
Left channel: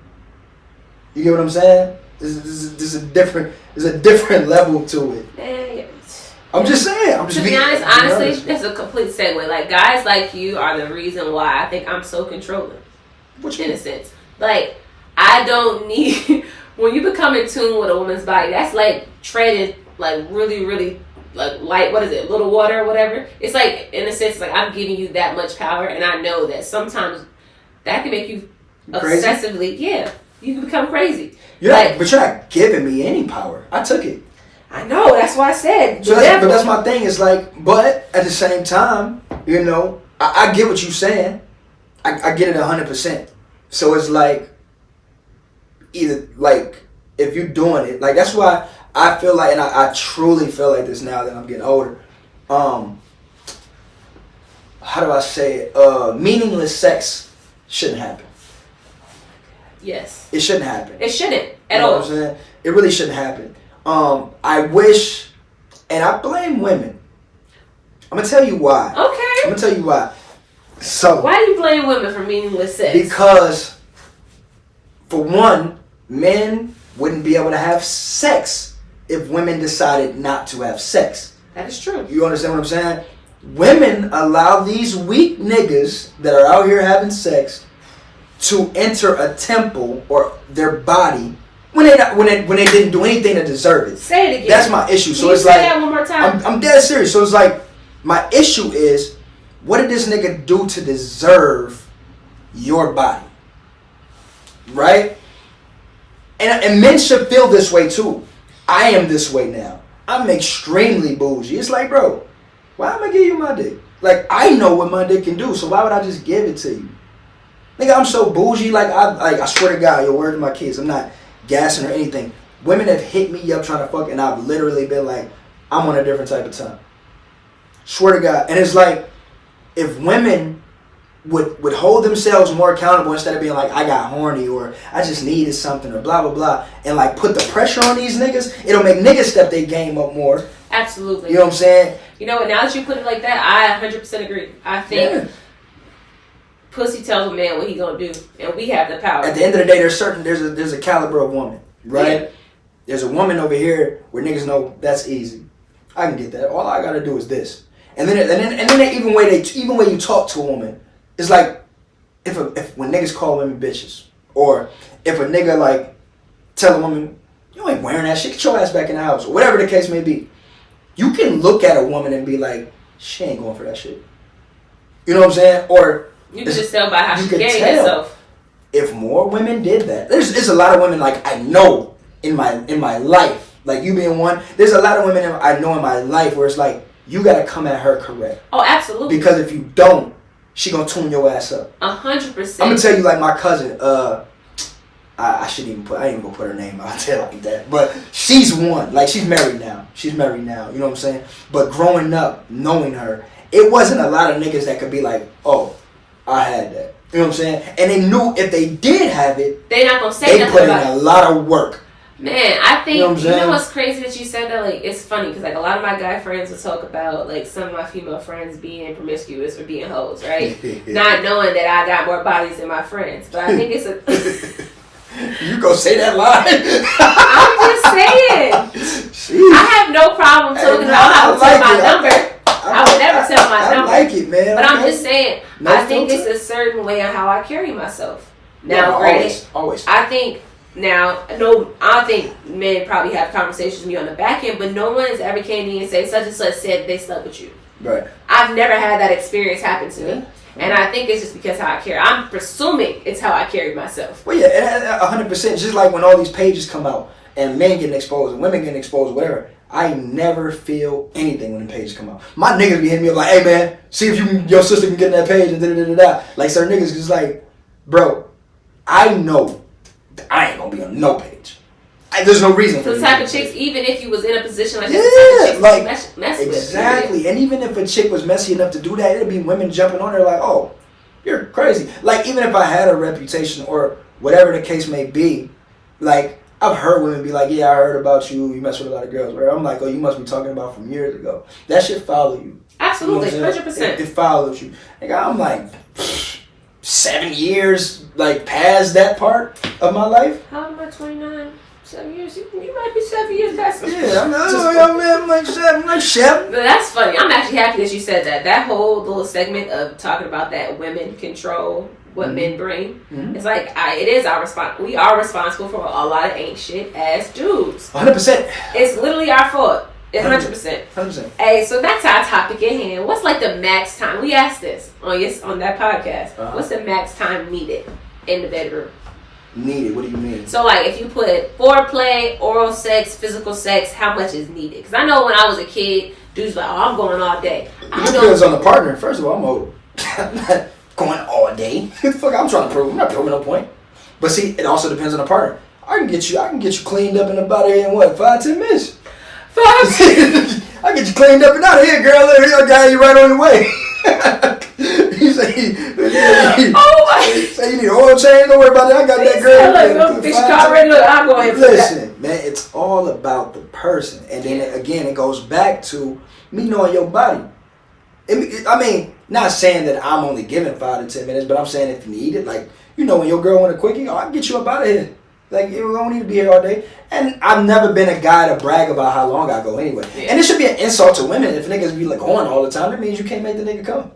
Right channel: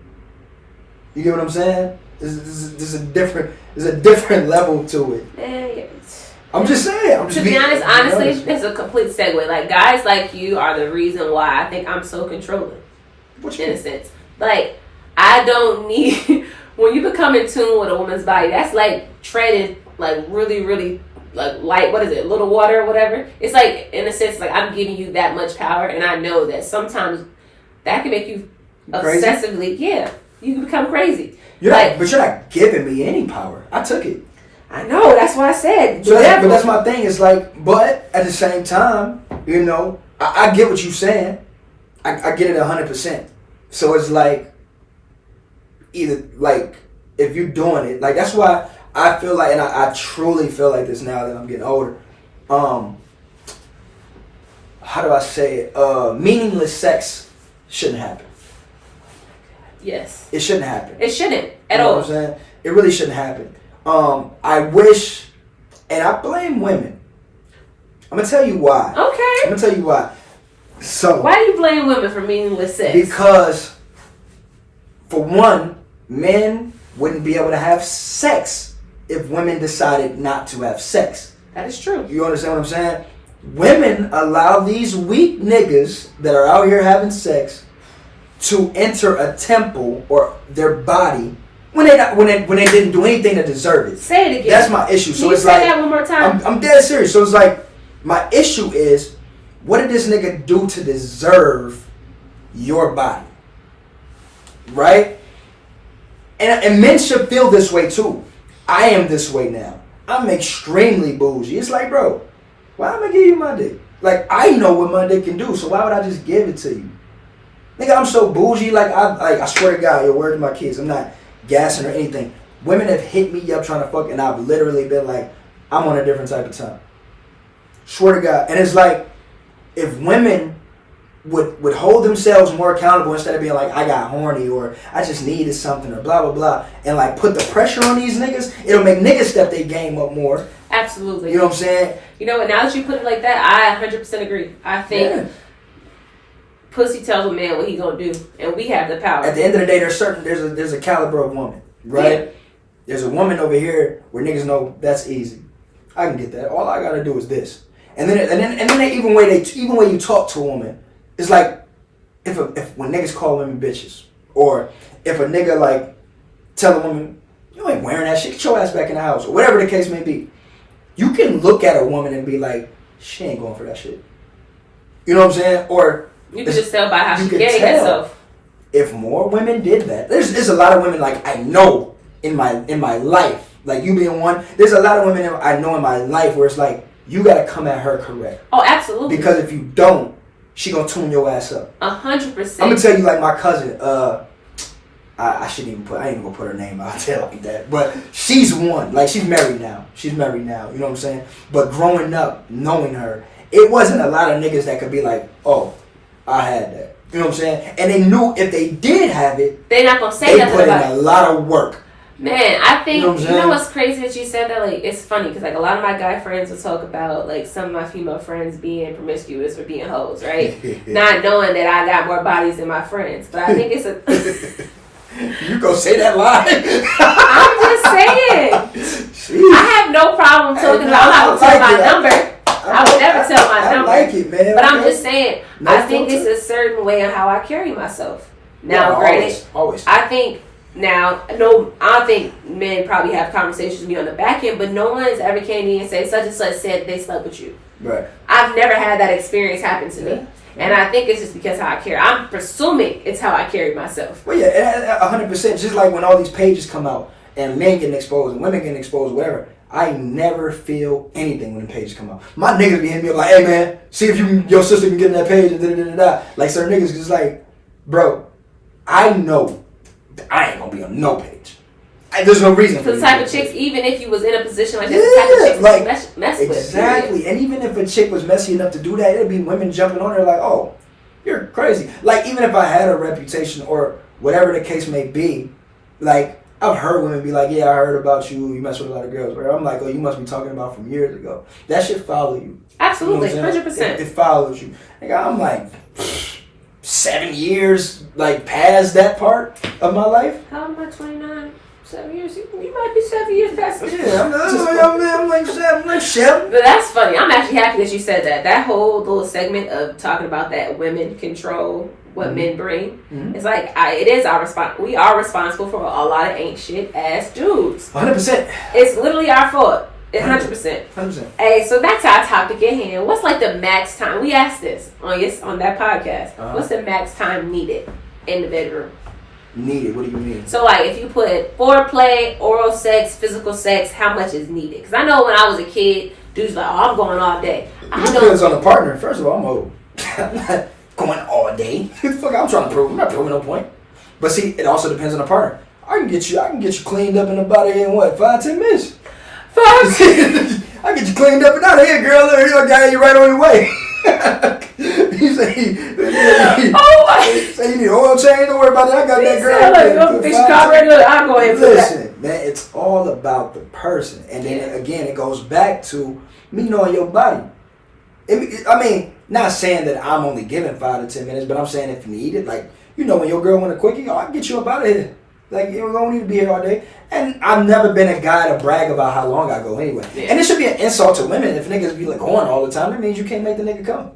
You get what I'm saying? There's a different level to it. Yeah. I'm just saying. To be honest, honestly, it's a complete segue. Like guys like you are the reason why I think I'm so controlling. In a sense, like I don't need when you become in tune with a woman's body. That's like treading like really, really like light. What is it? Little water or whatever. It's like in a sense like I'm giving you that much power, and I know that sometimes that can make you crazy? Obsessively. Yeah, you can become crazy. But you're not giving me any power. I took it. I know, that's why I said. So that's my thing. It's like, but at the same time, you know, I get what you're saying. I get it 100%. So it's like, either like if you're doing it, like that's why I feel like, and I truly feel like this now that I'm getting older. How do I say it? Meaningless sex shouldn't happen. Yes. It shouldn't happen. It shouldn't at all. You know what I'm saying? It really shouldn't happen. I wish, and I blame women. I'm gonna tell you why. Okay. I'm gonna tell you why. So why do you blame women for meaningless sex? Because, for one, men wouldn't be able to have sex if women decided not to have sex. That is true. You understand what I'm saying? Women allow these weak niggas that are out here having sex to enter a temple or their body when they didn't do anything to deserve it. Say it again. That's my issue. So Can it's you say like that one more time? I'm dead serious. So it's like my issue is, what did this nigga do to deserve your body? Right? And men should feel this way too. I am this way now. I'm extremely bougie. It's like, bro, why am I give you my dick? Like, I know what my dick can do, so why would I just give it to you? Nigga, I'm so bougie. Like I swear to God, your word to my kids, I'm not gassing or anything. Women have hit me up trying to fuck, and I've literally been like, I'm on a different type of time. Swear to God. And it's like, if women would hold themselves more accountable instead of being like, I got horny or I just needed something or blah, blah, blah, and like put the pressure on these niggas, it'll make niggas step their game up more. Absolutely. You know what I'm saying? You know what, now that you put it like that, I 100% agree. I think pussy tells a man what he gonna do, and we have the power. At the end of the day, there's a caliber of woman, right? Yeah. There's a woman over here where niggas know that's easy. I can get that. All I gotta do is this. And then they even way you talk to a woman, it's like when niggas call women bitches, or if a nigga like tell a woman, you ain't wearing that shit. Get your ass back in the house, or whatever the case may be. You can look at a woman and be like, she ain't going for that shit. You know what I'm saying? Or you can just tell by how she carries herself. If more women did that, there's a lot of women like I know in my life, like you being one. There's a lot of women I know in my life where it's like you got to come at her correct. Oh, absolutely. Because if you don't, she gonna tune your ass up. 100%. I'm gonna tell you, like my cousin. I ain't even gonna put her name out there like that. But she's one. Like she's married now. You know what I'm saying? But growing up, knowing her, it wasn't a lot of niggas that could be like, oh, I had that. You know what I'm saying? And they knew if they did have it, they're not gonna say nothing about it. They put in a lot of work. Man, I think, you know what's crazy that you said that? Like, it's funny because, like, a lot of my guy friends will talk about, like, some of my female friends being promiscuous or being hoes, right? Not knowing that I got more bodies than my friends. But I think it's a... You gonna say that lie? I'm just saying. Jeez. I have no problem talking about... I'm not gonna tell my number. I would never tell my number. I like it, man. But I'm just saying, I think it's a certain way of how I carry myself. Now, granted, always. I think... Now, no, I don't think men probably have conversations with me on the back end, but no one's ever came to me and say such and such said they slept with you. Right. I've never had that experience happen to me. And I think it's just because how I carry. I'm presuming it's how I carry myself. Well, yeah, 100%. Just like when all these pages come out and men getting exposed and women getting exposed, whatever, I never feel anything when the pages come out. My niggas be hitting me up like, hey, man, see if your sister can get in that page and da-da-da-da-da. Like, certain niggas just like, bro, I know I ain't gonna be on no page. There's no reason for the type of chicks, even if you was in a position like that, the type of chicks like, mess with. Exactly. And even if a chick was messy enough to do that, it'd be women jumping on her like, oh, you're crazy. Like, even if I had a reputation or whatever the case may be, like, I've heard women be like, yeah, I heard about you. You mess with a lot of girls. Where I'm like, oh, you must be talking about from years ago. That shit follow you. Absolutely, you know 100%. It follows you. Like, I'm like... 7 years, like, past that part of my life. How am I 29? 7 years? You might be 7 years past. Yeah, I'm like 7. But that's funny. I'm actually happy that you said that. That whole little segment of talking about that women control what men bring. Mm-hmm. It's like, it is our response. We are responsible for a lot of ain't shit ass dudes. 100%. It's literally our fault. 100%. 100%. Hey, so back to our topic at hand. What's like the max time? We asked this on that podcast. What's the max time needed in the bedroom? Needed? What do you mean? So like if you put foreplay, oral sex, physical sex, how much is needed? Because I know when I was a kid, dudes like, oh, I'm going all day. It depends on the partner. First of all, I'm old. I'm not going all day. Fuck, I'm trying to prove. I'm not proving no point. But see, it also depends on the partner. I can get you cleaned up and about here in what, 5-10 minutes? I get you cleaned up and out of here, girl. I got you right on your way. You say you need oil change. Don't worry about it. I got that girl. Look, fix your car right. Look, I'm going to listen, man. It's all about the person, and then again, it goes back to me knowing your body. I mean, not saying that I'm only giving 5 to 10 minutes, but I'm saying if you need it, like when your girl want a quickie, I can get you up out of here. Like, you don't need to be here all day. And I've never been a guy to brag about how long I go anyway. Yeah. And it should be an insult to women if niggas be like going all the time. That means you can't make the nigga come.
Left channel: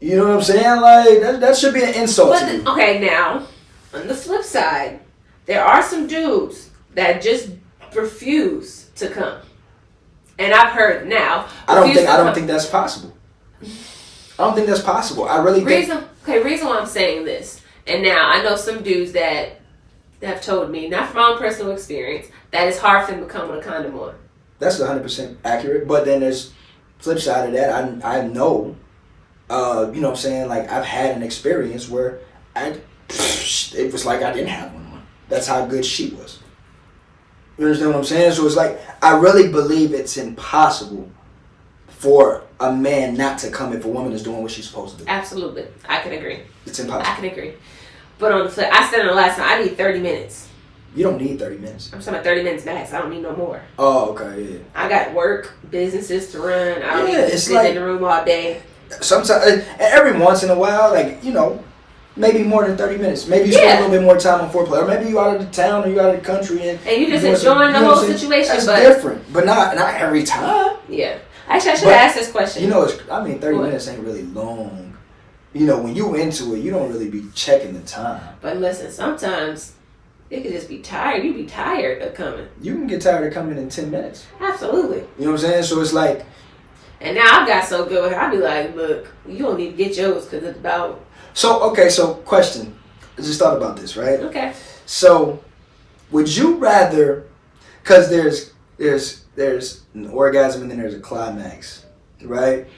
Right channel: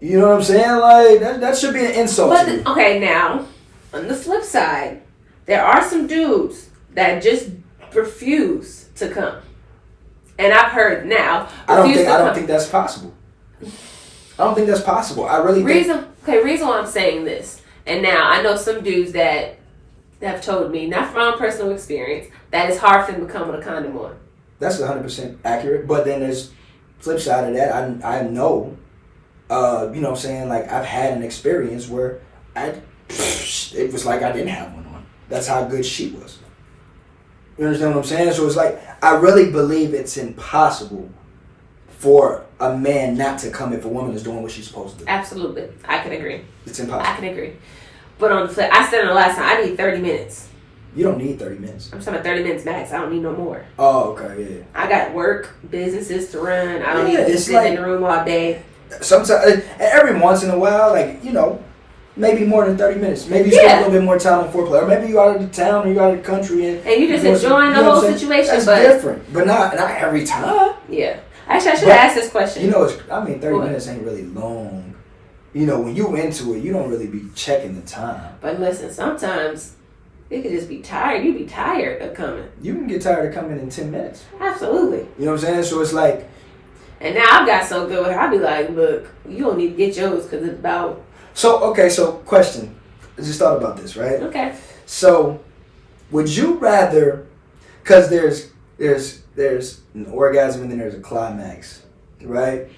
You know what I'm saying? Like, that should be an insult to you. Okay, now, on the flip side, there are some dudes that just refuse to come. And I've heard now. I don't think that's possible. I don't think that's possible. I really think... Reason why I'm saying this. And now, I know some dudes that have told me, not from my own personal experience, that it's hard for them to come with a condom on. That's 100% accurate. But then there's flip side of that. I know, you know what I'm saying? Like, I've had an experience where it was like I didn't have one on. That's how good she was. You understand what I'm saying? So it's like, I really believe it's impossible for a man not to come if a woman is doing what she's supposed to do. Absolutely. I can agree. It's impossible. I can agree. But on the flip, I said on the last time, I need 30 minutes. You don't need 30 minutes. I'm talking about 30 minutes max. I don't need no more. Oh, okay, yeah. I got work, businesses to run. I don't need to sit in the room all day. Sometimes, every once in a while, like, maybe more than 30 minutes. Maybe you spend a little bit more time on foreplay. Or maybe you out of the town or you out of the country. And you just enjoying the whole situation. That's different. But not every time. Yeah. Actually, I should have asked this question. 30 minutes ain't really long. When you into it, you don't really be checking the time. But listen, sometimes It could just be tired. You be tired of coming. You can get tired of coming in 10 minutes. Absolutely. You know what I'm saying? So it's like. And now I've got so good with her. I be like, look, you don't need to get yours because it's about. So, okay, so question. I just thought about this, right? Okay. So, would you rather, because there's an orgasm and then there's a climax, right?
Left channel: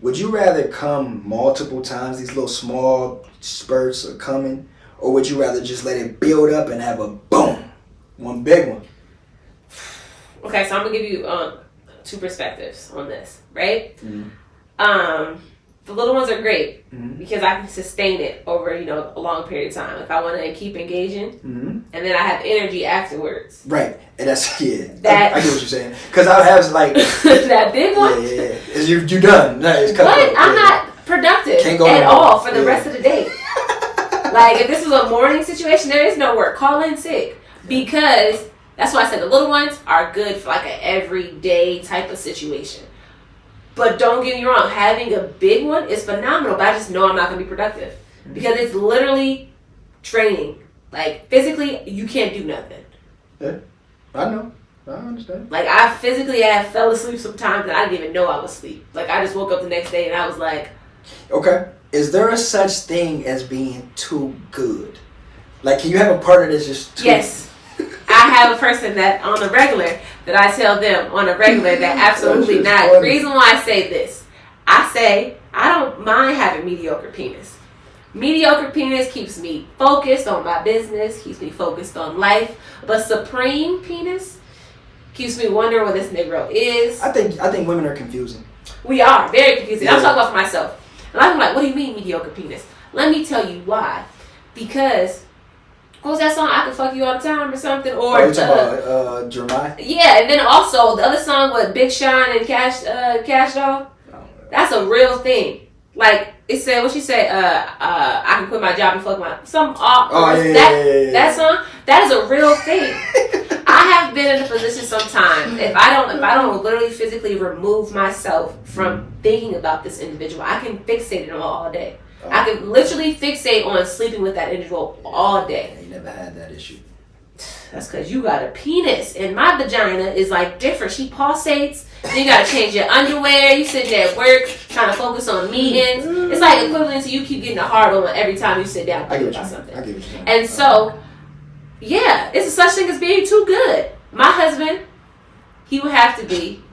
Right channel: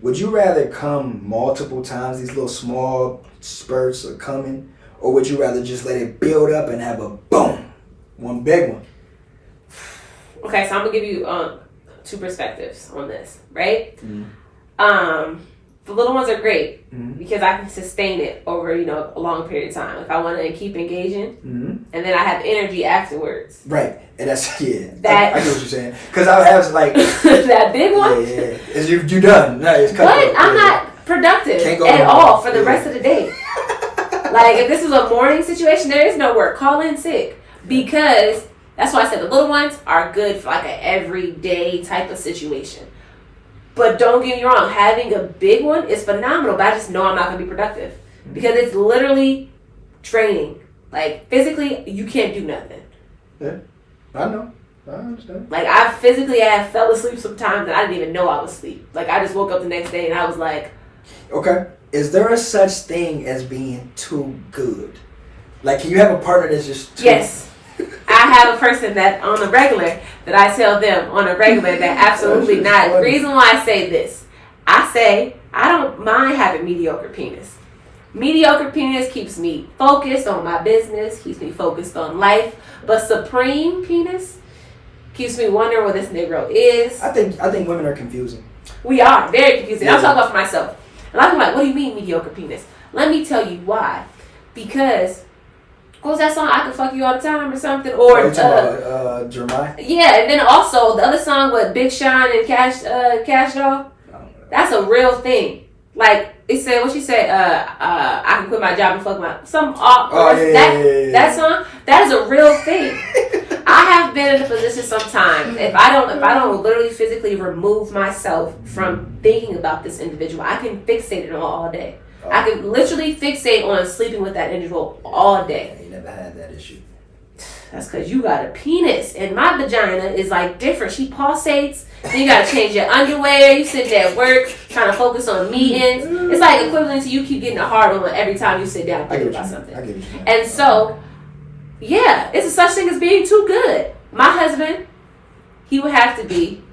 Would you rather come multiple times, these little small spurts of coming, or would you rather just let it build up and have a boom, one big one? Okay, so I'm gonna give you two perspectives on this, right? Mm-hmm. The little ones are great because I can sustain it over, a long period of time. If I want to keep engaging, and then I have energy afterwards. Right, and that's I get what you're saying. Because I have like that big one. Yeah. You're done. No, it's cut but I'm not productive at all for the rest of the day. Like if this was a morning situation, there is no work. Call in sick because that's why I said the little ones are good for like an everyday type of situation. But don't get me wrong, having a big one is phenomenal, but I just know I'm not going to be productive. Because it's literally draining. Like, physically, you can't do nothing. Yeah, I know. I understand. Like, I fell asleep sometimes and I didn't even know I was asleep. Like, I just woke up the next day and I was like... Okay. Is there a such thing as being too good? Like, can you have a partner that's just too... Yes. I have a person that on a regular that I tell them on a regular that absolutely not. The reason why I say this, I say I don't mind having mediocre penis. Mediocre penis keeps me focused on my business, keeps me focused on life. But supreme penis keeps me wondering what this Negro is. I think women are confusing. We are very confusing. Yeah. I'm talking about for myself. And I'm like, what do you mean mediocre penis? Let me tell you why. Because what was that song? I Can Fuck You All the Time or something? Or you talking about Jeremiah? Yeah, and then also the other song with Big Sean and Cash Doll. That's a real thing. Like it said, what she said? I can quit my job and fuck my that song. That is a real thing. I have been in a position sometimes if I don't literally physically remove myself from thinking about this individual, I can fixate it on all day. I can literally fixate on sleeping with that individual all day. You never had that issue. That's because you got a penis. And my vagina is like different. She pulsates. Then you got to change your underwear. You sitting there at work trying to focus on meetings. It's like equivalent to you keep getting a hard on every time you sit down thinking about something. I get what you mean. And so, yeah, it's a such thing as being too good. My husband, he would have to be,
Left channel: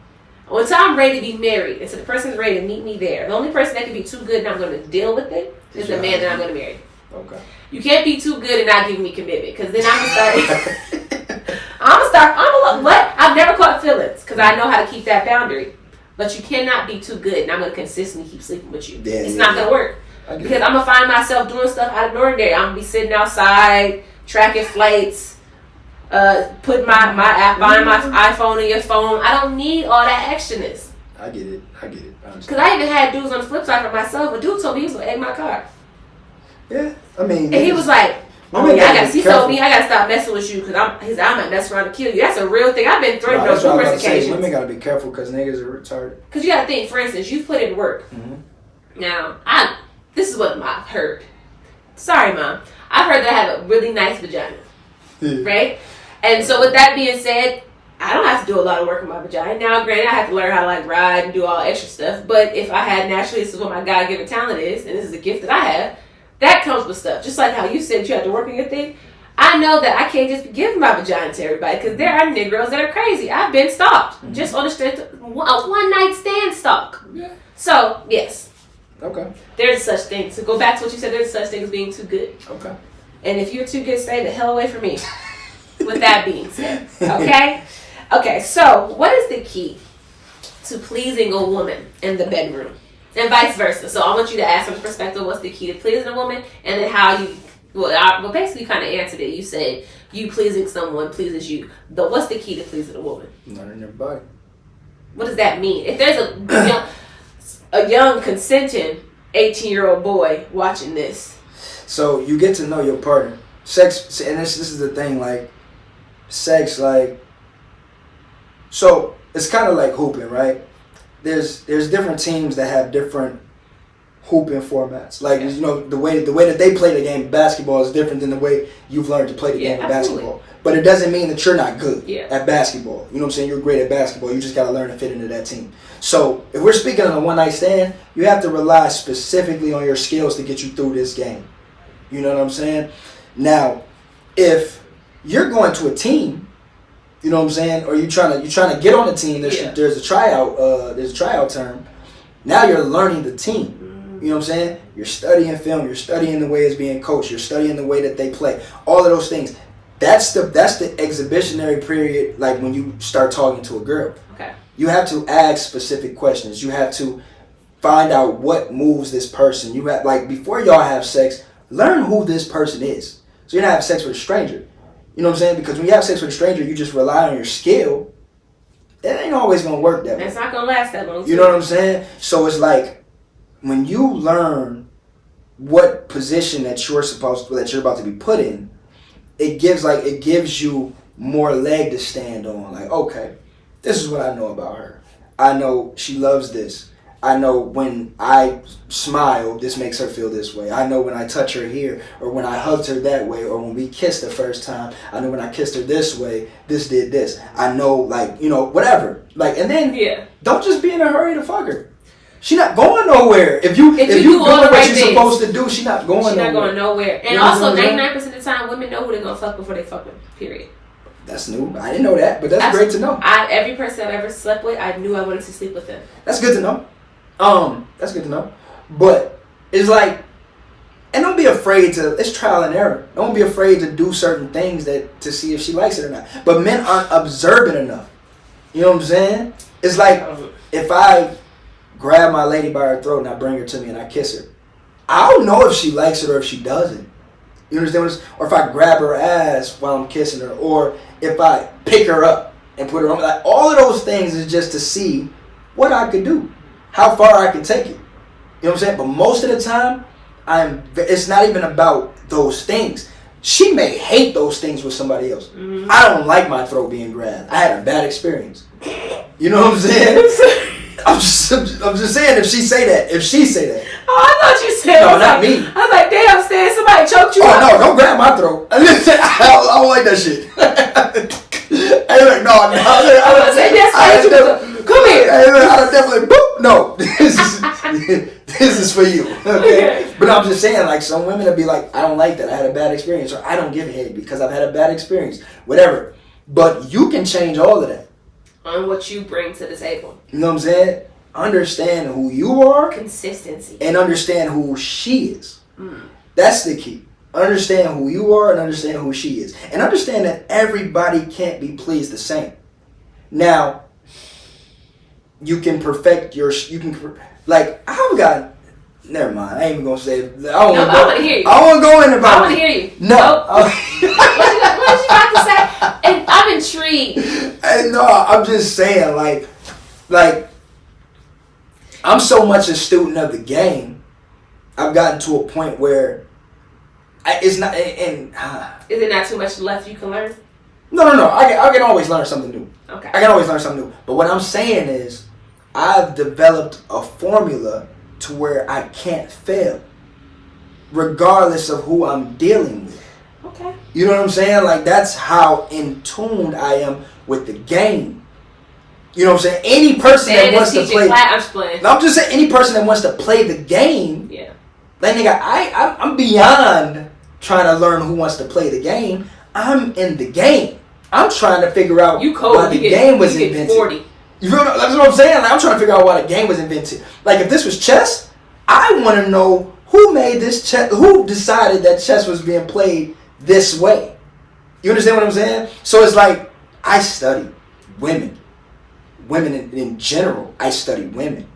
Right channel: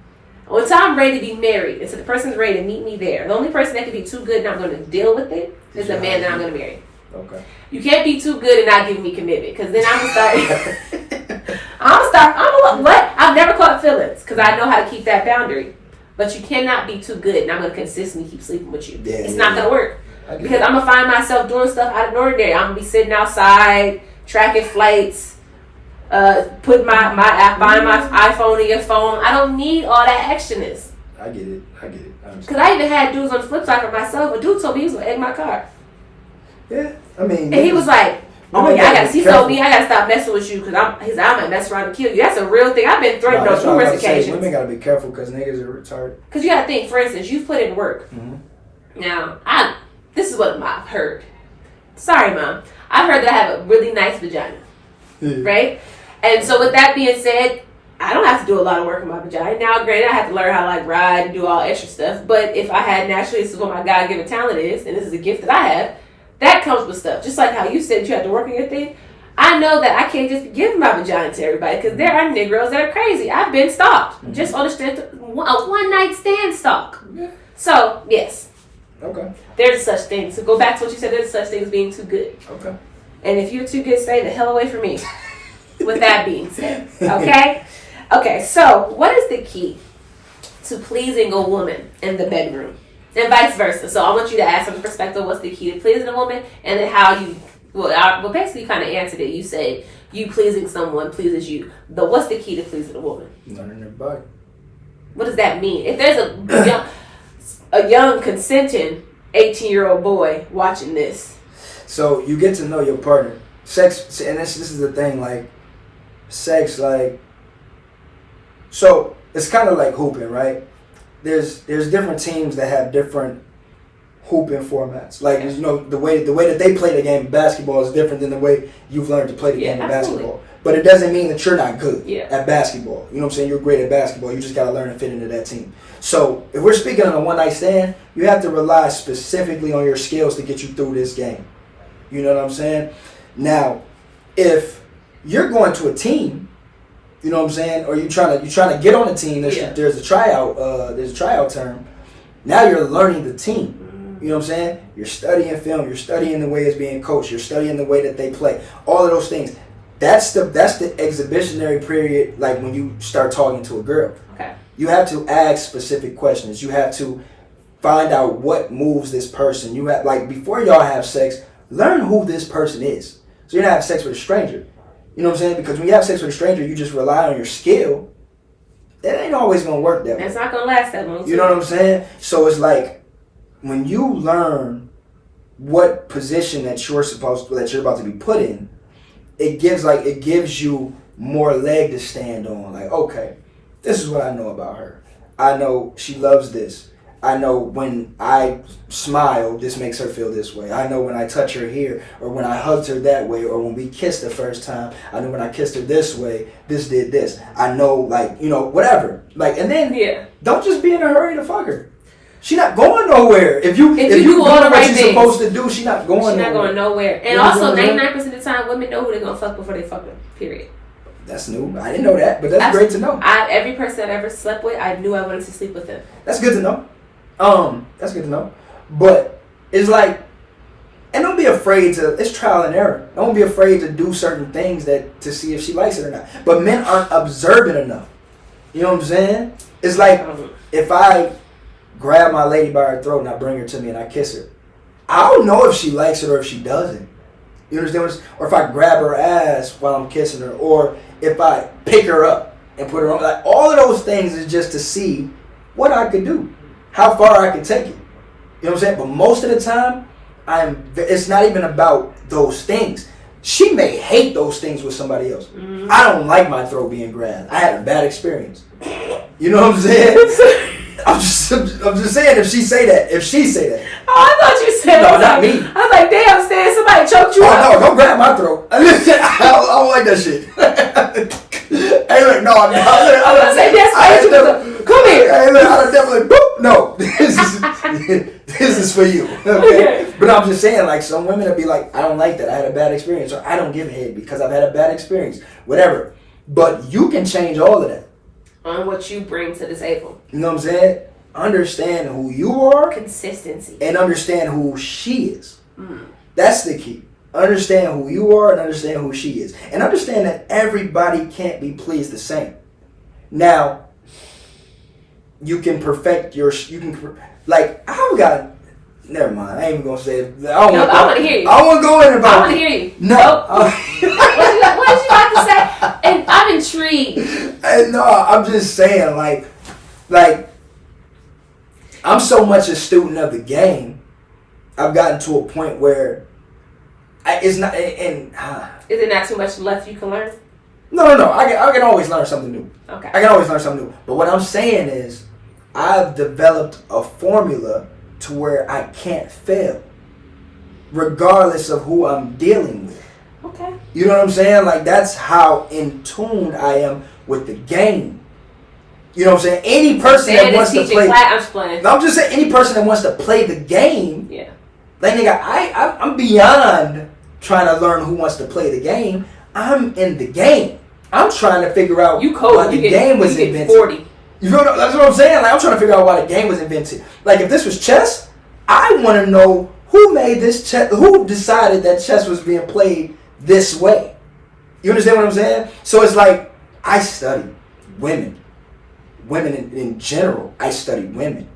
until I'm ready to be married, until the person's ready to meet me there, the only person that can be too good and I'm going to deal with it is the man that I'm going to marry. Okay. You can't be too good and not give me commitment, because then I'm going to start, I've never caught feelings, because I know how to keep that boundary. But you cannot be too good and I'm going to consistently keep sleeping with you. It's not going to work. Because I'm going to find myself doing stuff out of the ordinary. I'm going to be sitting outside, tracking flights, putting my app, buying my iPhone in your phone. I don't need all that extraness. I get it. Because I even had dudes on the flip side for myself. A dude told me he was going to egg my car. Yeah, I mean. And he was like, he told me I got to stop messing with you because I might mess around and kill you. That's a real thing. I've been threatened on numerous occasions. Women got to be careful because niggas are retarded. Because you got to think, for instance, you put in work. Mm-hmm. Now, this is what I've heard. Sorry, Mom. I've heard that I have a really nice vagina. Right? And so with that being said, I don't have to do a lot of work on my vagina. Now, granted, I have to learn how to ride and do all extra stuff. But if I had naturally, this is what my God-given talent is, and this is a gift that I have, that comes with stuff. Just like how you said you have to work on your thing. I know that I can't just be giving my vagina to everybody because there are Negroes that are crazy. I've been stalked. Mm-hmm. Just on a one-night stand stalk. Yeah. So, yes. Okay. There's such thing. So go back to what you said. There's such thing as being too good. Okay. And if you're too good, stay the hell away from me. With that being said. Okay? Okay, so what is the key to pleasing a woman in the bedroom? And vice versa. So I want you to ask from the perspective, what's the key to pleasing a woman? And then how you, basically you kind of answered it. You said you pleasing someone pleases you. But what's the key to pleasing a woman? Learning their body. What does that mean? If there's a young consenting 18-year-old boy watching this. So you get to know your partner. Sex, and this is the thing, sex, so it's kind of like hooping, right? There's different teams that have different hooping formats. Like, you know, the way that they play the game of basketball is different than the way you've learned to play the game of basketball. But it doesn't mean that you're not good at basketball. You know what I'm saying? You're great at basketball. You just got to learn to fit into that team. So if we're speaking on a one-night stand, you have to rely specifically on your skills to get you through this game. You know what I'm saying? Now, if you're going to a team, you know what I'm saying, or you're trying to get on the team, there's a tryout term. Now you're learning the team. You know what I'm saying? You're studying film. You're studying the way it's being coached. You're studying the way that they play. All of those things. That's the exhibitionary period, like when you start talking to a girl. Okay. You have to ask specific questions. You have to find out what moves this person. You have, like, before y'all have sex, learn who this person is. So you're not having sex with a stranger. You know what I'm saying? Because when you have sex with a stranger, you just rely on your skill. That ain't always gonna work that way. It's not gonna last that long. You know what I'm saying? So it's like when you learn what position that you're about to be put in, it gives you more leg to stand on. Like, okay, this is what I know about her. I know she loves this. I know when I smile, this makes her feel this way. I know when I touch her here, or when I hugged her that way, or when we kissed the first time, I know when I kissed her this way, this did this. I know, like, you know, whatever. Like, and then don't just be in a hurry to fuck her. She not going nowhere. If you do all the right things, you're supposed to do, she not going nowhere. She not going nowhere. And also, 99% of the time, women know who they're gonna fuck before they fuck them. Period. That's new. I didn't know that, but that's great to know. Every person I've ever slept with, I knew I wanted to sleep with them. That's good to know. That's good to know. But it's like, and don't be afraid to. It's trial and error. Don't be afraid to do certain things to see if she likes it or not. But men aren't observant enough. You know what I'm saying? It's like if I grab my lady by her throat and I bring her to me and I kiss her, I don't know if she likes it or if she doesn't. You understand what I'm saying? Or if I grab her ass while I'm kissing her, or if I pick her up and put her on. Like, all of those things is just to see what I could do, how far I can take it. You know what I'm saying? But most of the time, it's not even about those things. She may hate those things with somebody else. Mm-hmm. I don't like my throat being grabbed. I had a bad experience. You know what I'm saying? I'm just saying, if she say that. Oh, I thought you said. No, not me. I was like, damn, Stan, somebody choked you up. No, don't grab my throat. I don't like that shit. Hey, look, no. I was going to say, that's come here. Hey, look, I definitely, boop. No, this is for you. Okay? But I'm just saying, like, some women will be like, I don't like that. I had a bad experience. Or I don't give a head because I've had a bad experience. Whatever. But you can change all of that. On what you bring to the table. You know what I'm saying? Understand who you are. Consistency. And understand who she is. That's the key. Understand who you are and understand who she is. And understand that everybody can't be pleased the same. Now, you can perfect I've got, never mind, I ain't even going to say it. I want to hear you. I want to go in about I want to hear you. No. What did you about to say? And I'm intrigued. No, I'm just saying, like, I'm so much a student of the game. I've gotten to a point where it's not. Is it not too much left you can learn? No. I can always learn something new. Okay. I can always learn something new. But what I'm saying is, I've developed a formula to where I can't fail, regardless of who I'm dealing with. Okay. You know what I'm saying? Like, that's how in tune I am with the game. You know what I'm saying? Any person that wants to play. I'm just saying, any person that wants to play the game. Yeah. Like, nigga, I'm beyond trying to learn who wants to play the game. I'm in the game. I'm trying to figure out why the game was invented. 40. You know, that's what I'm saying. Like, I'm trying to figure out why the game was invented. Like, if this was chess, I want to know who made this chess. Who decided that chess was being played this way. You understand what I'm saying? So it's like, I study women. Women in general, I study women.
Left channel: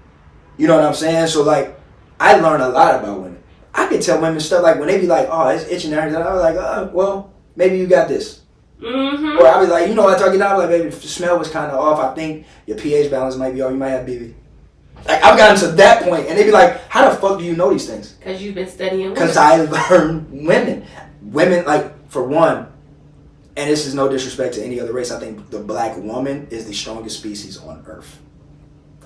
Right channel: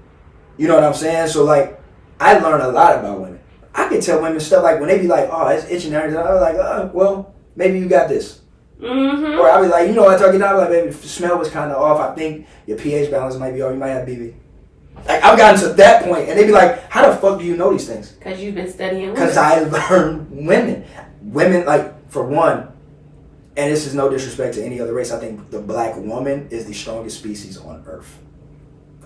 You know what I'm saying? So, like, I learn a lot about women. I can tell women stuff like when they be like, oh, it's itching and everything. I'm like, well, maybe you got this. Mm-hmm. Or I'll be like, you know, after I get out, like, baby, the smell was kind of off. I think your pH balance might be off. You might have BV. Like, I've gotten to that point, and they be like, how the fuck do you know these things? Because you've been studying women. Because I learned women. Women, like, for one, and this is no disrespect to any other race, I think the black woman is the strongest species on earth.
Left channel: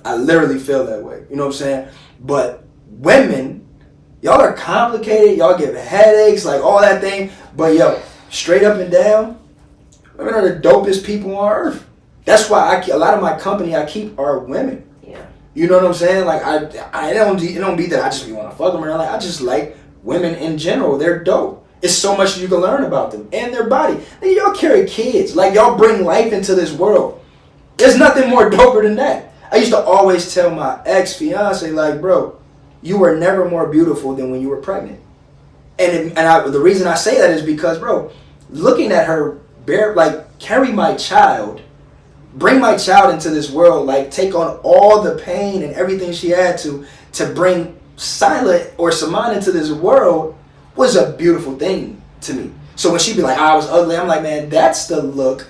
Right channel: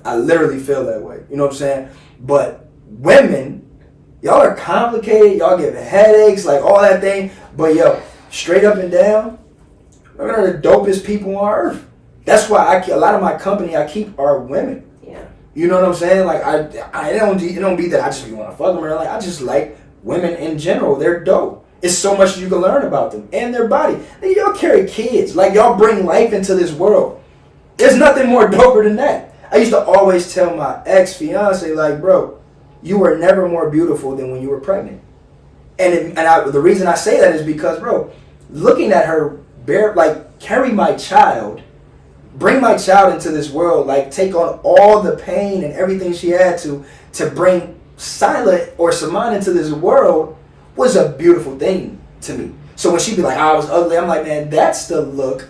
I literally feel that way. You know what I'm saying? But women, y'all are complicated. Y'all give headaches, like all that thing. But yo, straight up and down, women are the dopest people on earth. That's why a lot of my company I keep are women. Yeah. You know what I'm saying? Like I don't be that I just be want to fuck them or like I just like women in general. They're dope. It's so much you can learn about them and their body. Nigga, y'all carry kids. Like y'all bring life into this world. There's nothing more doper than that. I used to always tell my ex-fiance, like, bro, you were never more beautiful than when you were pregnant. And the reason I say that is because, bro, looking at her carry my child, bring my child into this world, like take on all the pain and everything she had to bring Silent or Saman into this world was a beautiful thing to me. So when she be like, I was ugly, I'm like, man, that's the look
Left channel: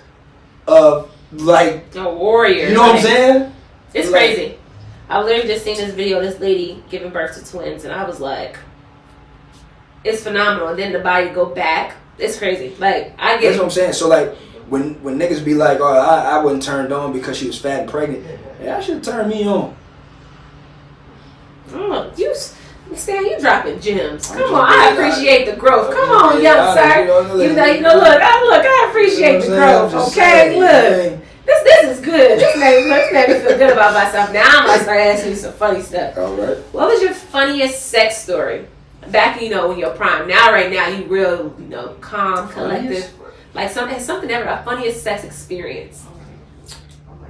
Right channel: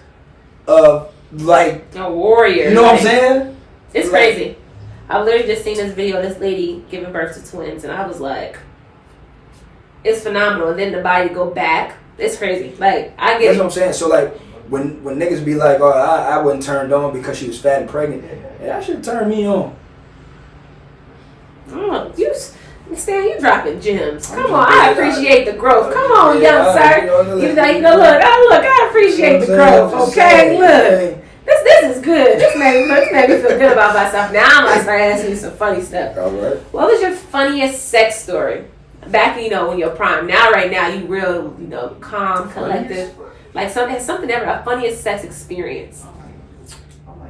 of like a warrior. You know what I'm saying? It's crazy. I've literally just seen this video of this lady giving birth to twins, and I was like, it's phenomenal. And then the body go back. It's crazy. Like, I get That's what I'm saying. So like when niggas be like, oh, I wasn't turned on because she was fat and pregnant, yeah, that should turn me on. Oh, Stan, you dropping gems. Come on, I appreciate the growth. Come on, young sir. Look, I appreciate the growth. Okay, look. This is good. This made me feel good about myself. Now I'm gonna start asking you some funny stuff. All right. What was your funniest sex story? Back, in your prime. Now, right now, you real, calm, collective. Like something ever, a funniest sex experience.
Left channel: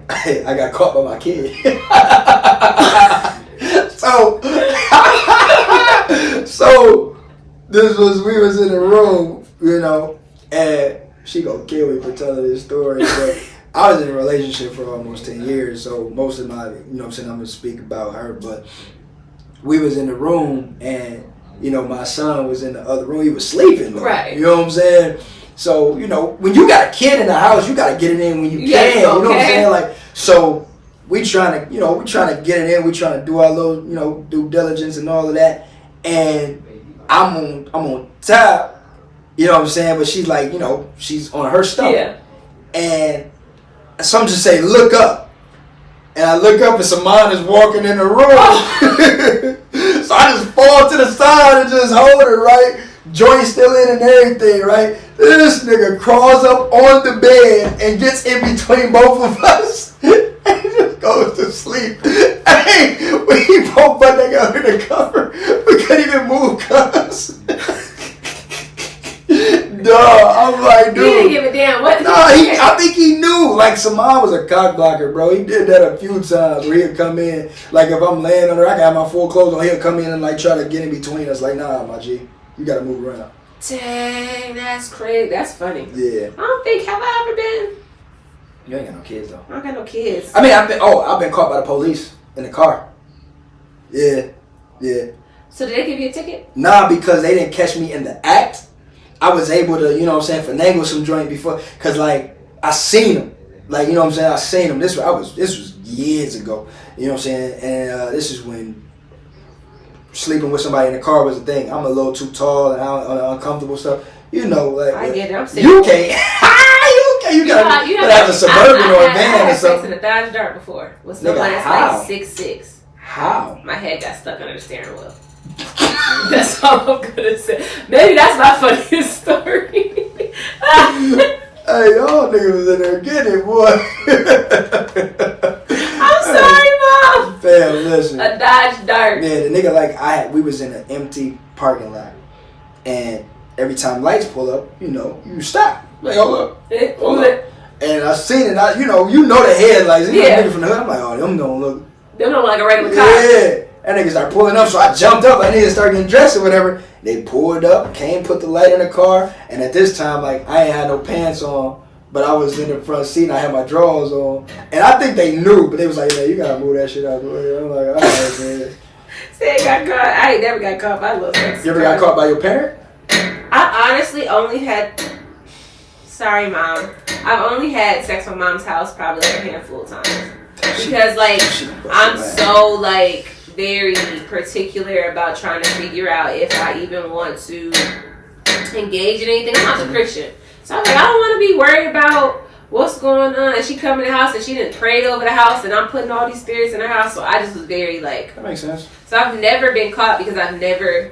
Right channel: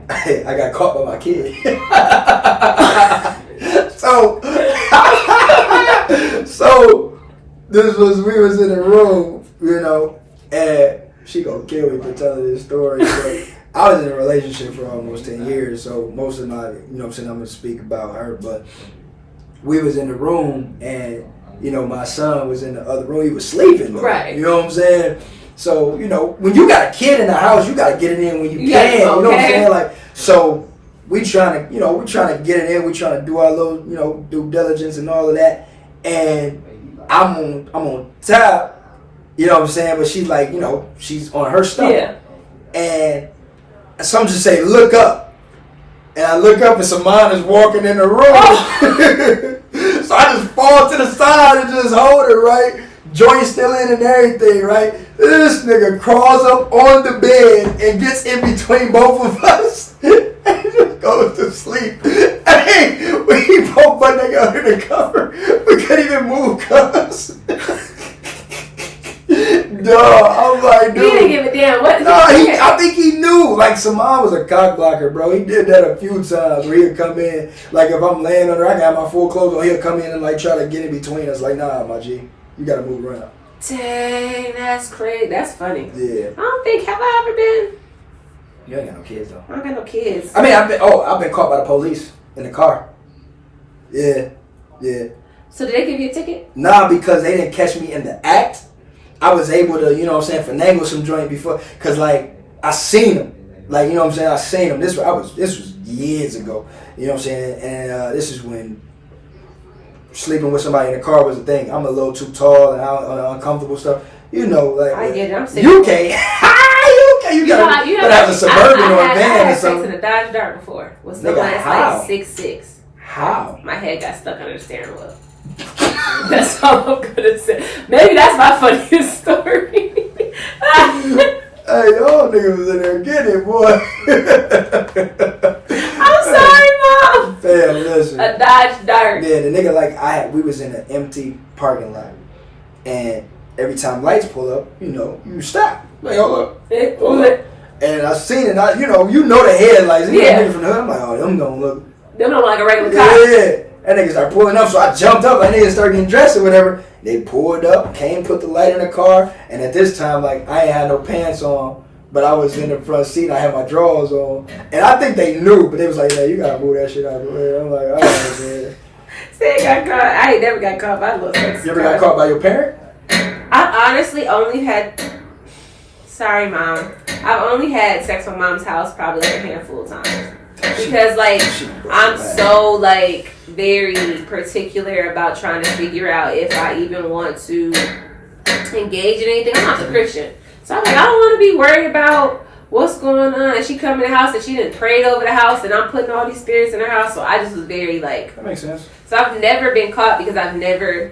I got caught by my kid. So we was in the room, and she gonna kill me for telling this story, but I was in a relationship for almost 10 years, so most of my, I'm gonna speak about her, but we was in the room, and, my son was in the other room, he was sleeping, though, right? You know what I'm saying? So, when you got a kid in the house, you gotta get it in when you can, okay. You know what I'm saying? Like, so we trying to get it in, we trying to do our little, due diligence and all of that, and I'm on top, you know what I'm saying? But she's like, she's on her stuff. Yeah. And some just say, look up. And I look up and Saman is walking in the room. So I just fall to the side and just hold her, right? Joint still in and everything, right? This nigga crawls up on the bed and gets in between both of us. And just goes to sleep. Hey, when he both butt naked under the cover, we couldn't even move, cuz. No, I'm like, dude. He didn't give a damn what. No, I think he knew. Like, Saman was a cock blocker, bro. He did that a few times where he'll come in. Like, if I'm laying on her, I got my full clothes on, he'll come in and, like, try to get in between us. Like, nah, my G, you got to move around. Dang, that's crazy. That's funny. Yeah. I don't think, have I ever been? You ain't got no kids, though. I don't got no kids. I mean, I've been caught by the police in the car. Yeah. So did they give you a ticket? Nah, because they didn't catch me in the act. I was able to, finagle some joint before, cause like I seen them, like I seen them. This was years ago, you know what I'm saying, and this is when sleeping with somebody in the car was a thing. I'm a little too tall and uncomfortable stuff, like I get it. I'm sick. You can't. You gotta have a Suburban or a van or I had something. sex in a Dodge Dart before with someone that's like 6'6". How? My head got stuck under the steering wheel. That's all I'm gonna say. Maybe that's my funniest story. Hey, y'all niggas was in there getting it, boy. I'm sorry, Mom. Fam, listen. A Dodge Dart. Yeah, the nigga we was in an empty parking lot, and every time lights pull up, you stop. Like, hold up. And I seen it. You know the headlights. Yeah. Nigga from the hood. I'm like, oh, them don't look. Them don't look like a regular car. Yeah. That nigga started pulling up, so I jumped up. That nigga started getting dressed or whatever. They pulled up, put the light in the car, and at this time, like, I ain't had no pants on, but I was in the front seat and I had my drawers on. And I think they knew, but they was like, man, you gotta move that shit out of the way. I'm like, all right, man. Say I got caught. I ain't never got caught by a little sex. You ever got caught by your parent? I honestly only had. Sorry, Mom. I've only had sex from Mom's house probably like a handful of times. Because, like, I'm so, like, very particular about trying to figure out if I even want to engage in anything. I'm not a Christian. So I'm like, I don't want to be worried about what's going on? And she come in the house and she didn't prayed over the house, and I'm putting all these spirits in her house. So I just was very like. That makes sense. So I've never been caught because I've never.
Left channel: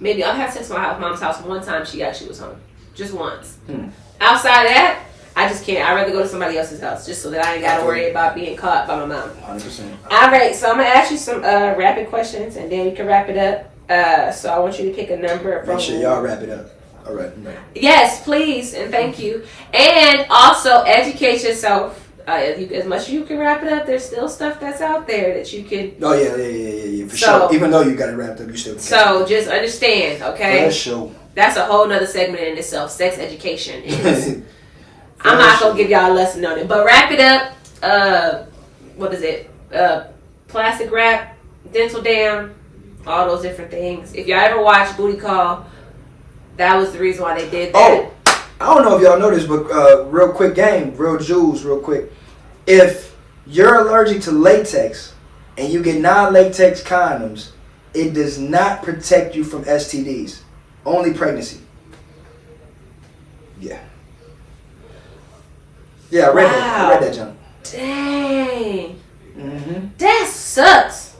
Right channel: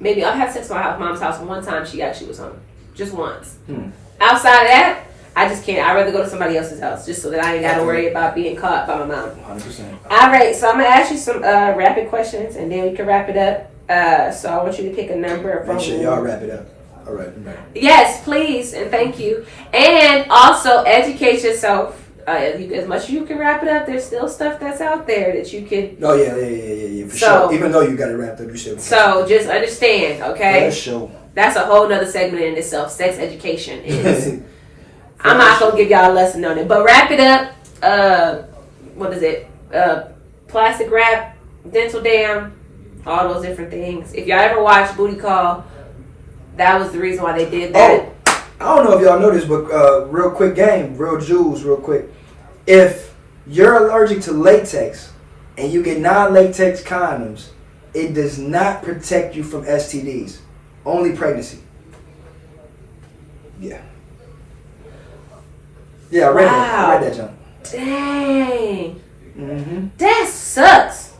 Maybe I've had sex at my mom's house one time. She actually was home, just once. Outside of that, I just can't. I'd rather go to somebody else's house just so that I ain't got to worry about being caught by my mom. 100%. All right, so I'm gonna ask you some rapid questions, and then we can wrap it up. So I want you to pick a number. Make sure y'all wrap it up. All right. No. Yes, please, and thank you. And also educate yourself. As much as you can wrap it up, there's still stuff that's out there that you can. Oh yeah, for sure. Even though you got it wrapped up, you still. So just understand, okay? For sure. That's a whole nother segment in itself. Sex education is. I'm not gonna give y'all a lesson on it, but wrap it up. What is it? Plastic wrap, dental dam, all those different things. If y'all ever watched Booty Call, that was the reason why they did that. Oh, I don't know if y'all know this, but real quick game, real jewels, real quick. If you're allergic to latex and you get non-latex condoms, it does not protect you from STDs. Only pregnancy. Yeah. Yeah, I read that. I read that, John. Dang. Mm-hmm. That sucks.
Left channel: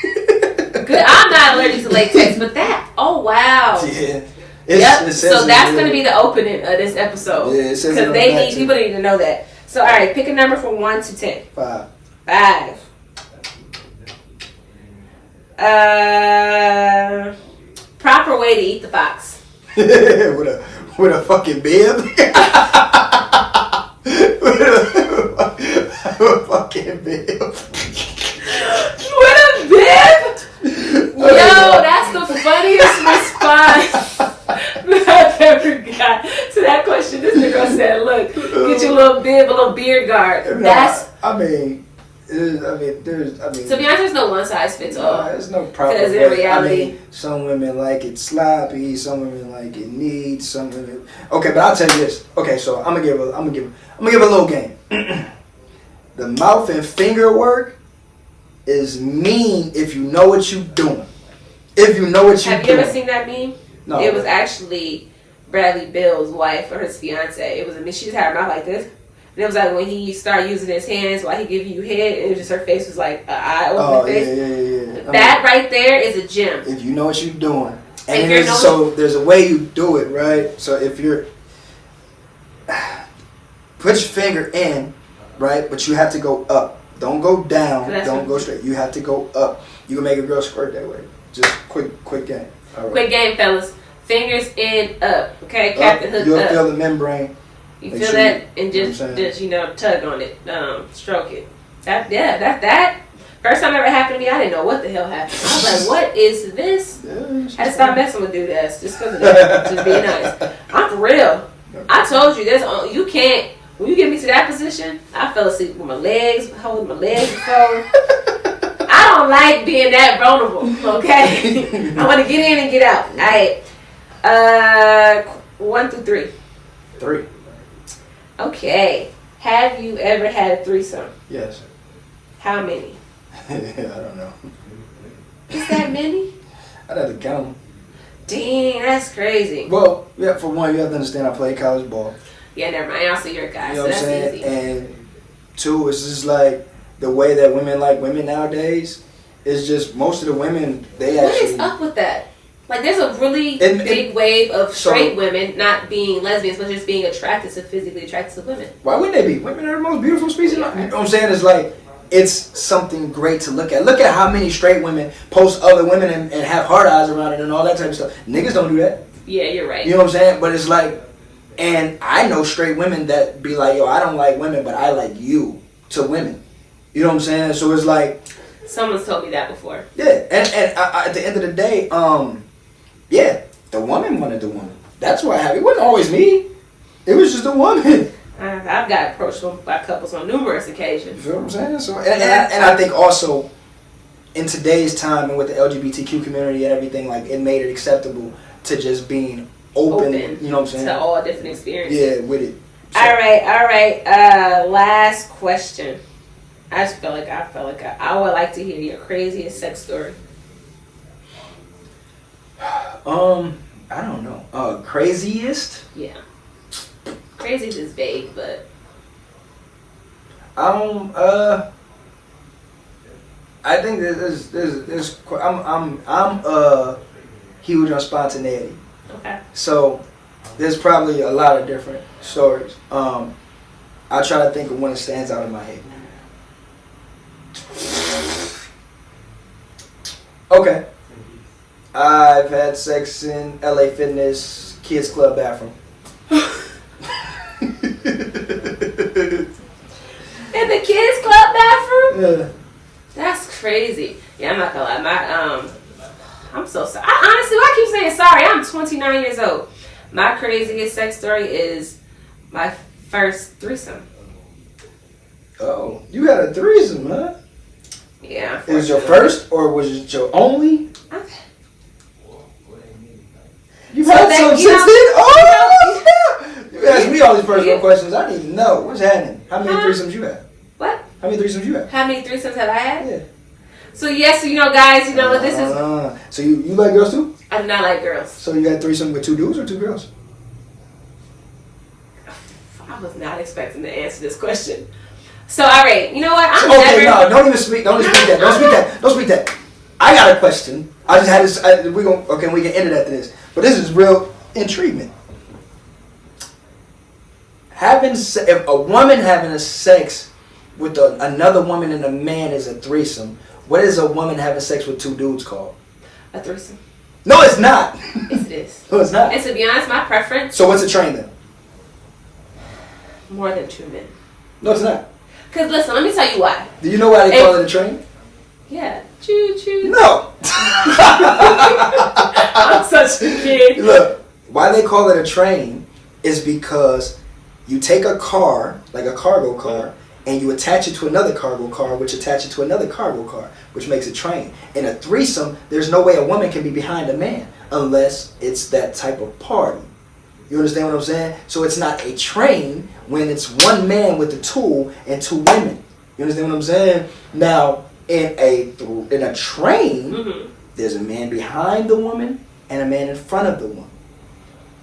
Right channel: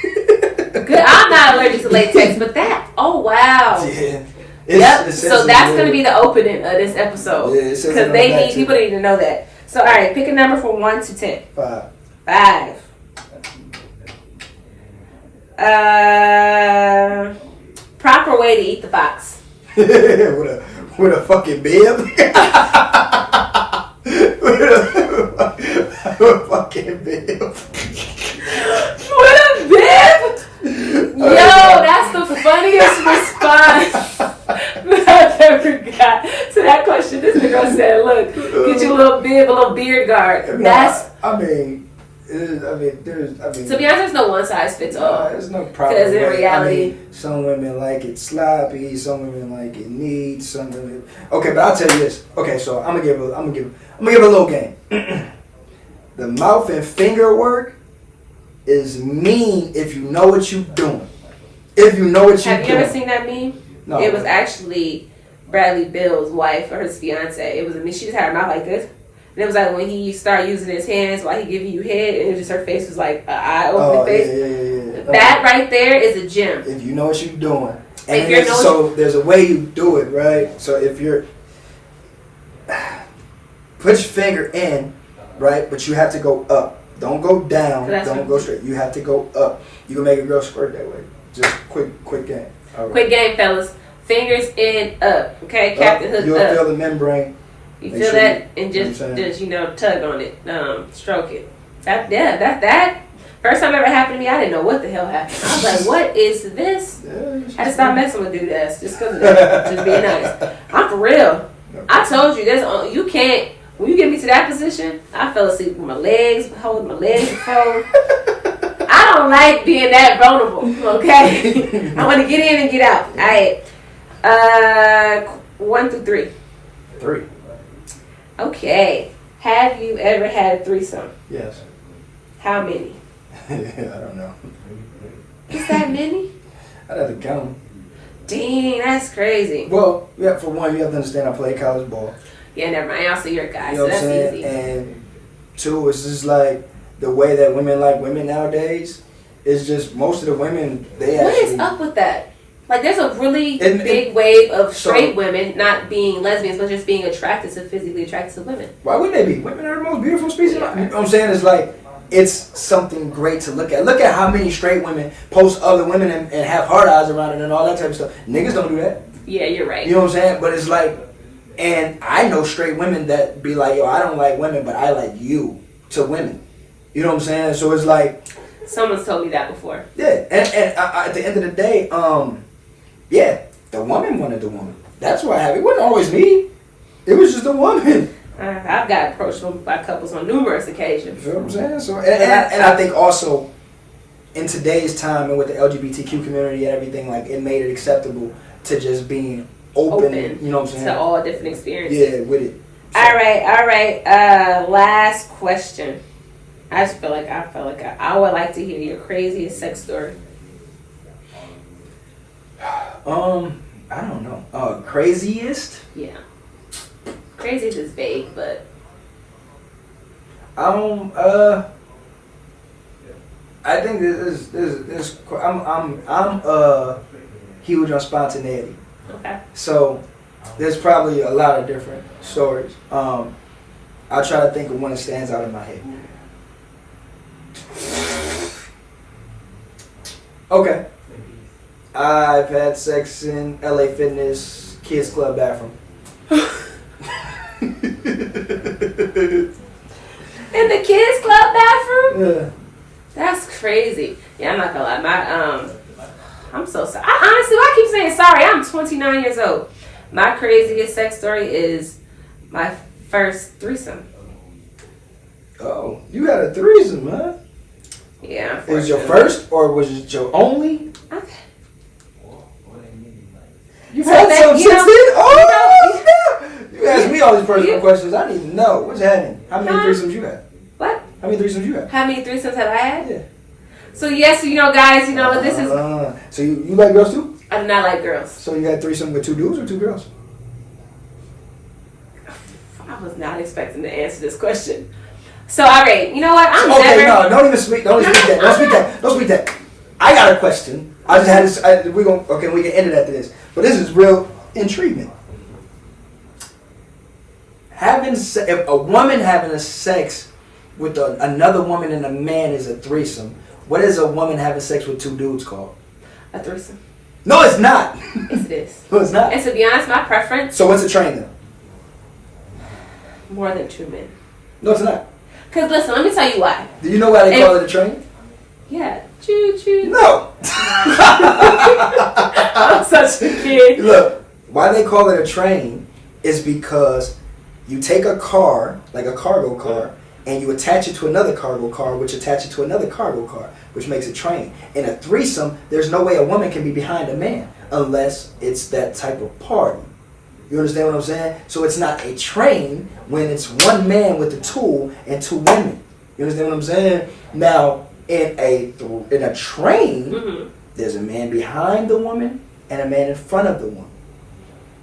Good. I'm not allergic to latex, but that. Oh wow. Yeah. Yep. So that's gonna be the opening of this episode. Yeah, it says because people need to know that. So all right, pick a number from 1 to 10. 5. 5. Proper way to eat the fox. with a fucking bib. with a fucking bib. With a bib? Yo, that's the funniest response I've ever got to that question. This girl said, "Look, get your little bib, a little beard guard." That's. To be honest, there's no one size fits all. There's no problem. Because in reality, some women like it sloppy, some women like it neat, some women. Okay, but I'll tell you this. Okay, so I'm gonna give a little game. The mouth and finger work is mean if you know what you're doing. If you know what you're doing. Have you ever seen that meme? No. It was actually Bradley Bill's wife or his fiance. It was she just had her mouth like this. And it was like when he started using his hands while he giving you head, and it was just her face was like an eye-opening face. Yeah. That right there is a gem. If you know what you're doing. And there's a way you do it, right? So if you're... Put your finger in, right? But you have to go up. Don't go down. Don't go straight. You have to go up. You can make a girl squirt that way. Just quick game. All right. Quick game, fellas. Fingers in, up. Okay? Captain hook You'll up. feel the membrane. You feel that, and just tug on it, stroke it. That first time ever happened to me, I didn't know what the hell happened. I was like, what is this? I had to stop messing with dudes just because of that. Just being nice. I'm for real. I told you, you can't. When you get me to that position, I fell asleep with my legs, holding my legs before. I don't like being that vulnerable. Okay, I want to get in and get out. All right. 1 through 3. 3. Okay. Have you ever had a threesome? Yes. How many? I don't know. Is that many? I'd have to count them. Dang, that's crazy. Well, yeah. For one, you have to understand I played college ball. Yeah, never mind. Also, you're a guy, You know so that's what I'm saying? easy. And 2, it's just like the way that women like women nowadays. Is just most of the women they What actually. is up with that? Like, there's a really big wave of straight so, women not being lesbians, but just being physically attracted to women. Why wouldn't they be? Women are the most beautiful species. Yeah. You know what I'm saying? It's like, it's something great to look at. Look at how many straight women post other women and have hard eyes around it and all that type of stuff. Niggas don't do that. Yeah, you're right. You know what I'm saying? But it's like, and I know straight women that be like, yo, I don't like women, but I like you to women. You know what I'm saying? So it's like. Someone's told me that before. Yeah, and at the end of the day, yeah, the woman wanted the woman. That's what happened. It wasn't always me. It was just the woman. I've got approached by couples on numerous occasions. You feel what I'm saying? So, and I think also in today's time and with the LGBTQ community and everything, like it made it acceptable to just being open. You know what I'm saying? To all different experiences. Yeah, with it. So. All right. Last question. I felt like I would like to hear your craziest sex story. I don't know. Craziest? Yeah. Crazy is vague, but I think there's I'm huge on spontaneity. okay. So there's probably a lot of different stories. I try to think of one that stands out in my head. Okay. I've had sex in LA Fitness Kids Club bathroom. In the kids club bathroom? Yeah. That's crazy. Yeah, I'm not gonna lie. I'm so sorry. Honestly, why I keep saying sorry? I'm 29 years old. My craziest sex story is my first threesome. Oh, you had a threesome, huh? Yeah. It was your first, or was it your only? Okay. You had some since then? Oh, you asked me all these personal questions. I didn't even know. What's happening? How many threesomes you had? What? How many threesomes you had? How many threesomes have I had? Yeah. So yes, guys, what this is. So you like girls too? I do not like girls. So you had threesome with 2 dudes or 2 girls? I was not expecting to answer this question. So all right, you know what? I'm okay, never. no, don't even speak. Don't speak that. Don't speak that. I got a question. I just had this. We can end it after this. But this is real intriguing. If a woman having a sex with another woman and a man is a threesome, what is a woman having sex with 2 dudes called? A threesome. No, it's not. Yes, it is. No, it's not. And to be honest, my preference. So what's a train then? More than 2 men. No, it's not. Because listen, let me tell you why. Do you know why they call it a train? Yeah. Choo choo. No. I'm such a kid. Look, why they call it a train is because you take a car, like a cargo car, and you attach it to another cargo car, which attach it to another cargo car, which makes a train. In a threesome, there's no way a woman can be behind a man unless it's that type of party. You understand what I'm saying? So it's not a train when it's one man with the tool and 2 women. You understand what I'm saying? Now, in a train, there's a man behind the woman and a man in front of the woman.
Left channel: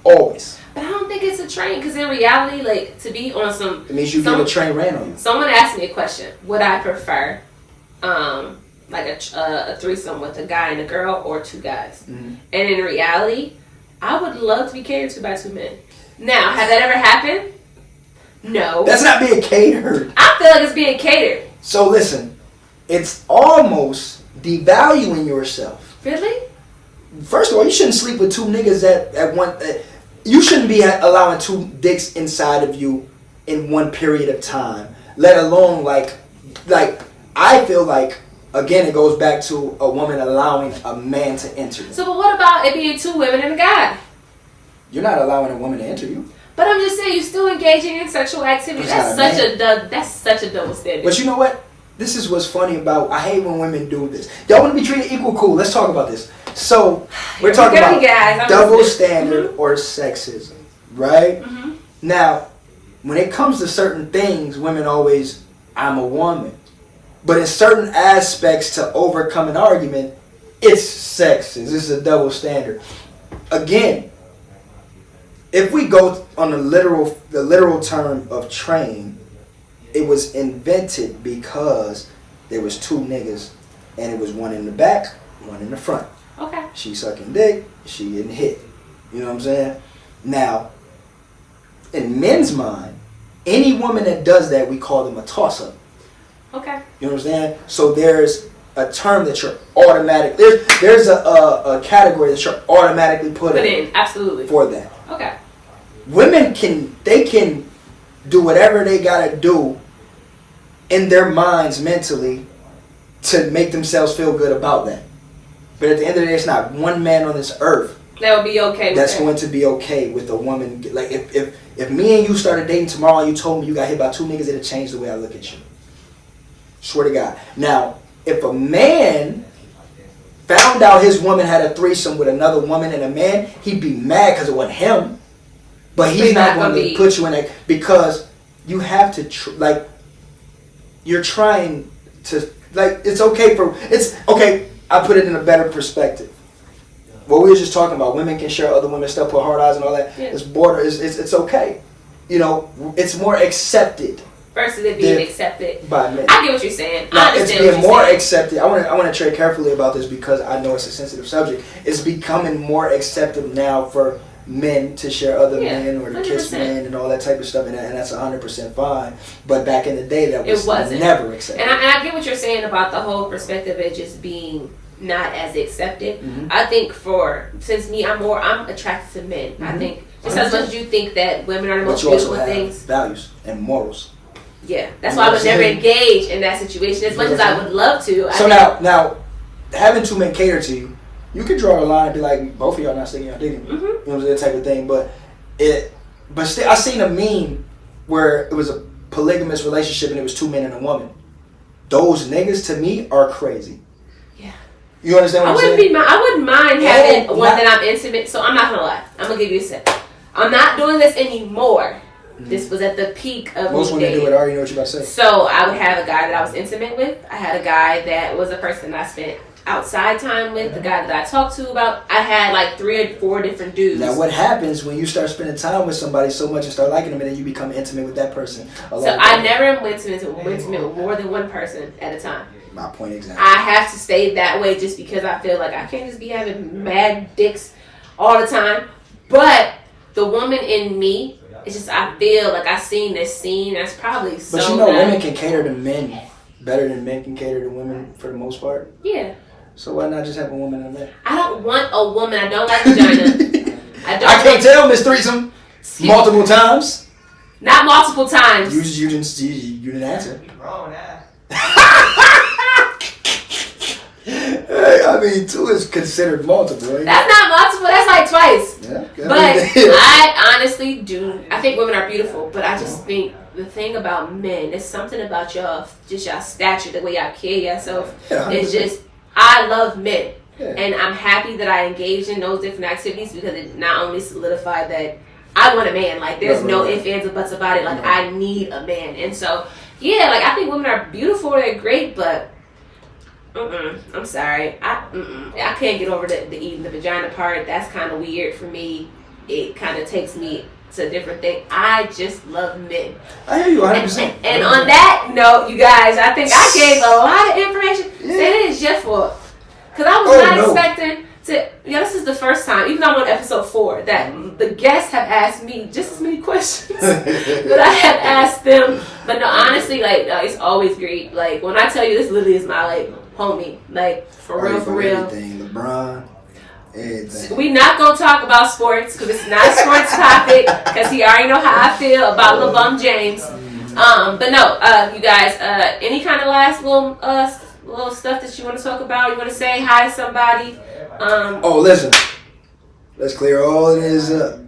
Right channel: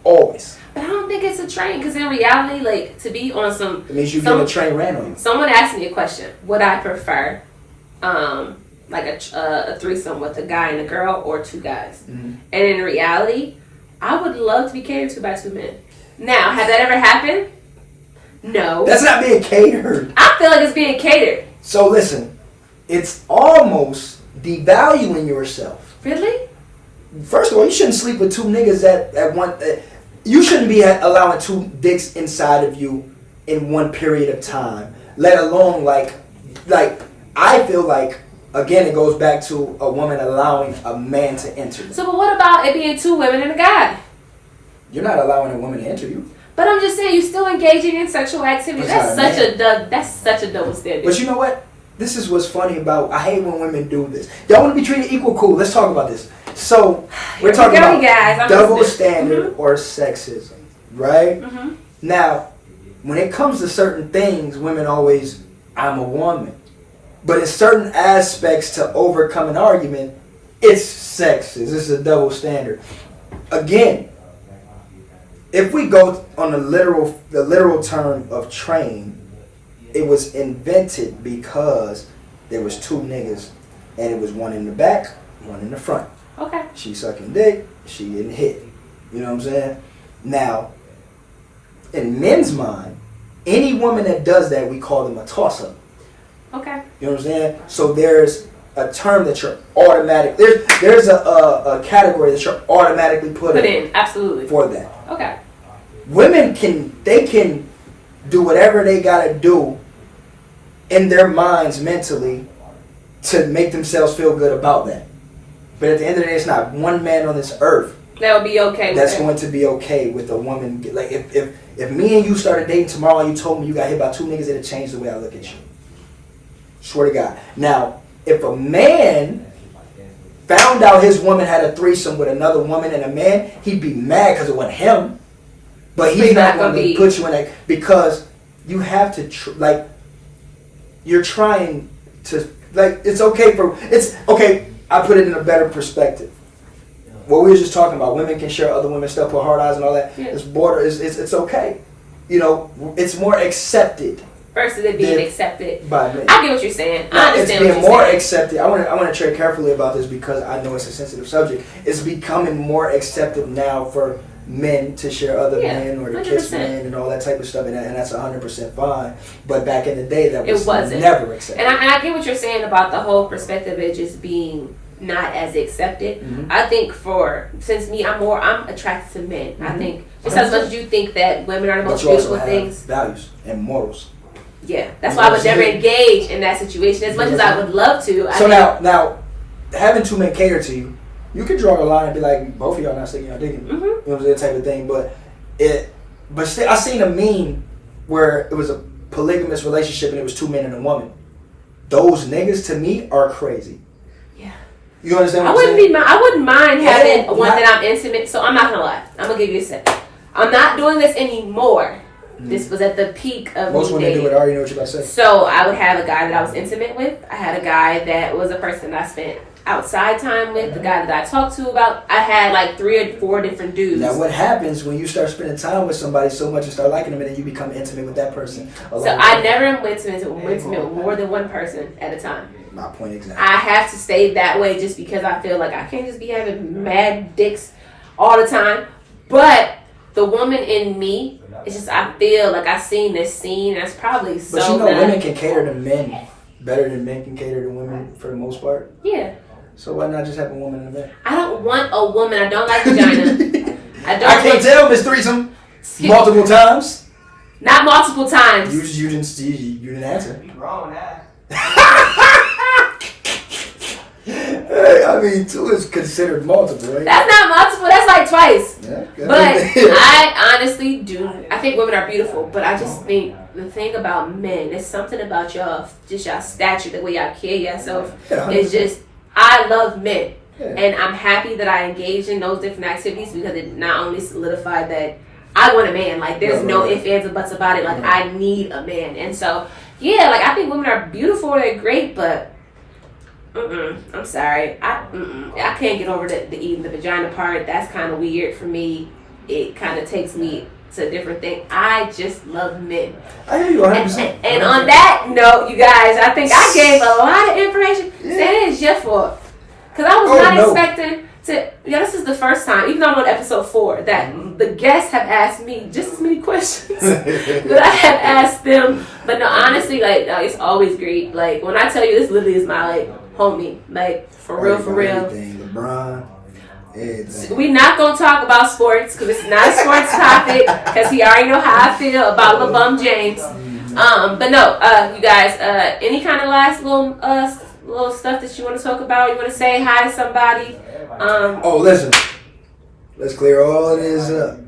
Always. But I don't think it's a train, because in reality, like, to be on some... It means you get a train ran on you. Someone asked me a question. Would I prefer, like, a threesome with a guy and a girl or 2 guys? Mm-hmm. And in reality, I would love to be catered to by 2 men. Now, has that ever happened? No. That's not being catered. I feel like it's being catered. So listen, it's almost devaluing yourself. Really? First of all, you shouldn't sleep with 2 niggas at one. You shouldn't be allowing 2 dicks inside of you in one period of time. Let alone like I feel like, again, it goes back to a woman allowing a man to enter. So, but what about it being 2 women and a guy? You're not allowing a woman to enter you. But I'm just saying, you're still engaging in sexual activity. That's such a double standard. But you know what? This is what's funny about. I hate when women do this. Y'all want to be treated equal, cool. Let's talk about this. So we're talking about double standard or sexism, right? Mm-hmm. Now, when it comes to certain things, women always, I'm a woman. But in certain aspects to overcome an argument, it's sexist. This is a double standard. Again, if we go on the literal term of train, it was invented because there was 2 niggas and it was one in the back, one in the front. Okay. She sucking dick, she getting hit. You know what I'm saying? Now, in men's mind, any woman that does that, we call them a toss-up. Okay. You know what I'm saying? So there's a term that you're automatic. There's a category that you're automatically put in. Absolutely. For that. Okay. Women can do whatever they gotta do in their minds mentally to make themselves feel good about that. But at the end of the day, it's not one man on this earth that would be okay. That's going to be okay with a woman. Like if me and you started dating tomorrow and you told me you got hit by 2 niggas, it'd change the way I look at you. Swear to God. Now, if a man found out his woman had a threesome with another woman and a man, he'd be mad because it wasn't him. But he's not going to put you in that, because you have to you're trying to, it's okay. I put it in a better perspective. What we were just talking about, women can share other women's stuff, put hard eyes and all that. Yeah. It's okay. you know, it's more accepted versus it being accepted by men. I get what you're saying. Now, I understand it's being what more you're saying. accepted. I want to tread carefully about this because I know it's a sensitive subject. It's becoming more accepted now for men to share other men or to 100%. kiss men and all that type of stuff, and that's 100% fine. But back in the day, that was wasn't. never accepted. And I get what you're saying about the whole perspective of it just being not as accepted. Mm-hmm. I think since me, I'm attracted to men. I think just 100%. as much as you think that women are the most But you also beautiful have things. values and morals. Yeah, that's why I would never engage in that situation as much as I would love to. So now, having two men cater to you, you could draw a line and be like, both of y'all not sticking y'all digging. Mm-hmm. You know, that type of thing. But still, I seen a meme where it was a polygamous relationship and it was two men and a woman. Those niggas to me are crazy. Yeah. You understand what I'm saying? I wouldn't mind having one not- that I'm intimate. So I'm not gonna lie. I'm gonna give you a second. I'm not doing this anymore. This was at the peak of Most me women dating. do it. I already know what you're about to say. So I would have a guy that I was intimate with. I had a guy that was a person that I spent outside time with. The guy that I talked to about. I had like 3 or 4 different dudes. Now, what happens when you start spending time with somebody so much and start liking them, and then you become intimate with that person? So I never went intimate with more than one person at a time. My point exactly. I have to stay that way just because I feel like I can't just be having mad dicks all the time. But the woman in me, it's just I feel like I've seen this scene. That's probably so. But you know, nice. women can cater to men better than men can cater to women for the most part. Yeah. So why not just have a woman and a man? I don't want a woman. I don't like vagina. I can't tell, Miss Threesome. Multiple times. Not multiple times. You didn't answer. I mean, 2 is considered multiple, right? That's not multiple. That's like twice. Yeah, But I honestly do. I think women are beautiful, but I just think the thing about men, there's something about y'all stature, the way y'all carry yourself. Yeah, It's just, I love men. Yeah. And I'm happy that I engaged in those different activities because it not only solidified that I want a man. Like, there's no ifs, ands, or buts about it. Like, I need a man. And so, yeah, like, I think women are beautiful. They're great, but I'm sorry. I can't get over the eating the vagina part. That's kind of weird for me. It kind of takes me to a different thing. I just love men. I hear you 100%. And on that note, you guys, I think I gave a lot of information. Yeah. It is your fault. Because I was not expecting to... this is the first time, even though I'm on episode 4, that the guests have asked me just as many questions that I have asked them. But no, honestly, like, it's always great. Like, when I tell you, this literally is my, like, homie. Like, for real. Everything. LeBron. We're not going to talk about sports because it's not a sports topic because he already know how I feel about LeBron James. But no, you guys, any kind of last little stuff that you want to talk about? You want to say hi to somebody? Listen. Let's clear all of this up.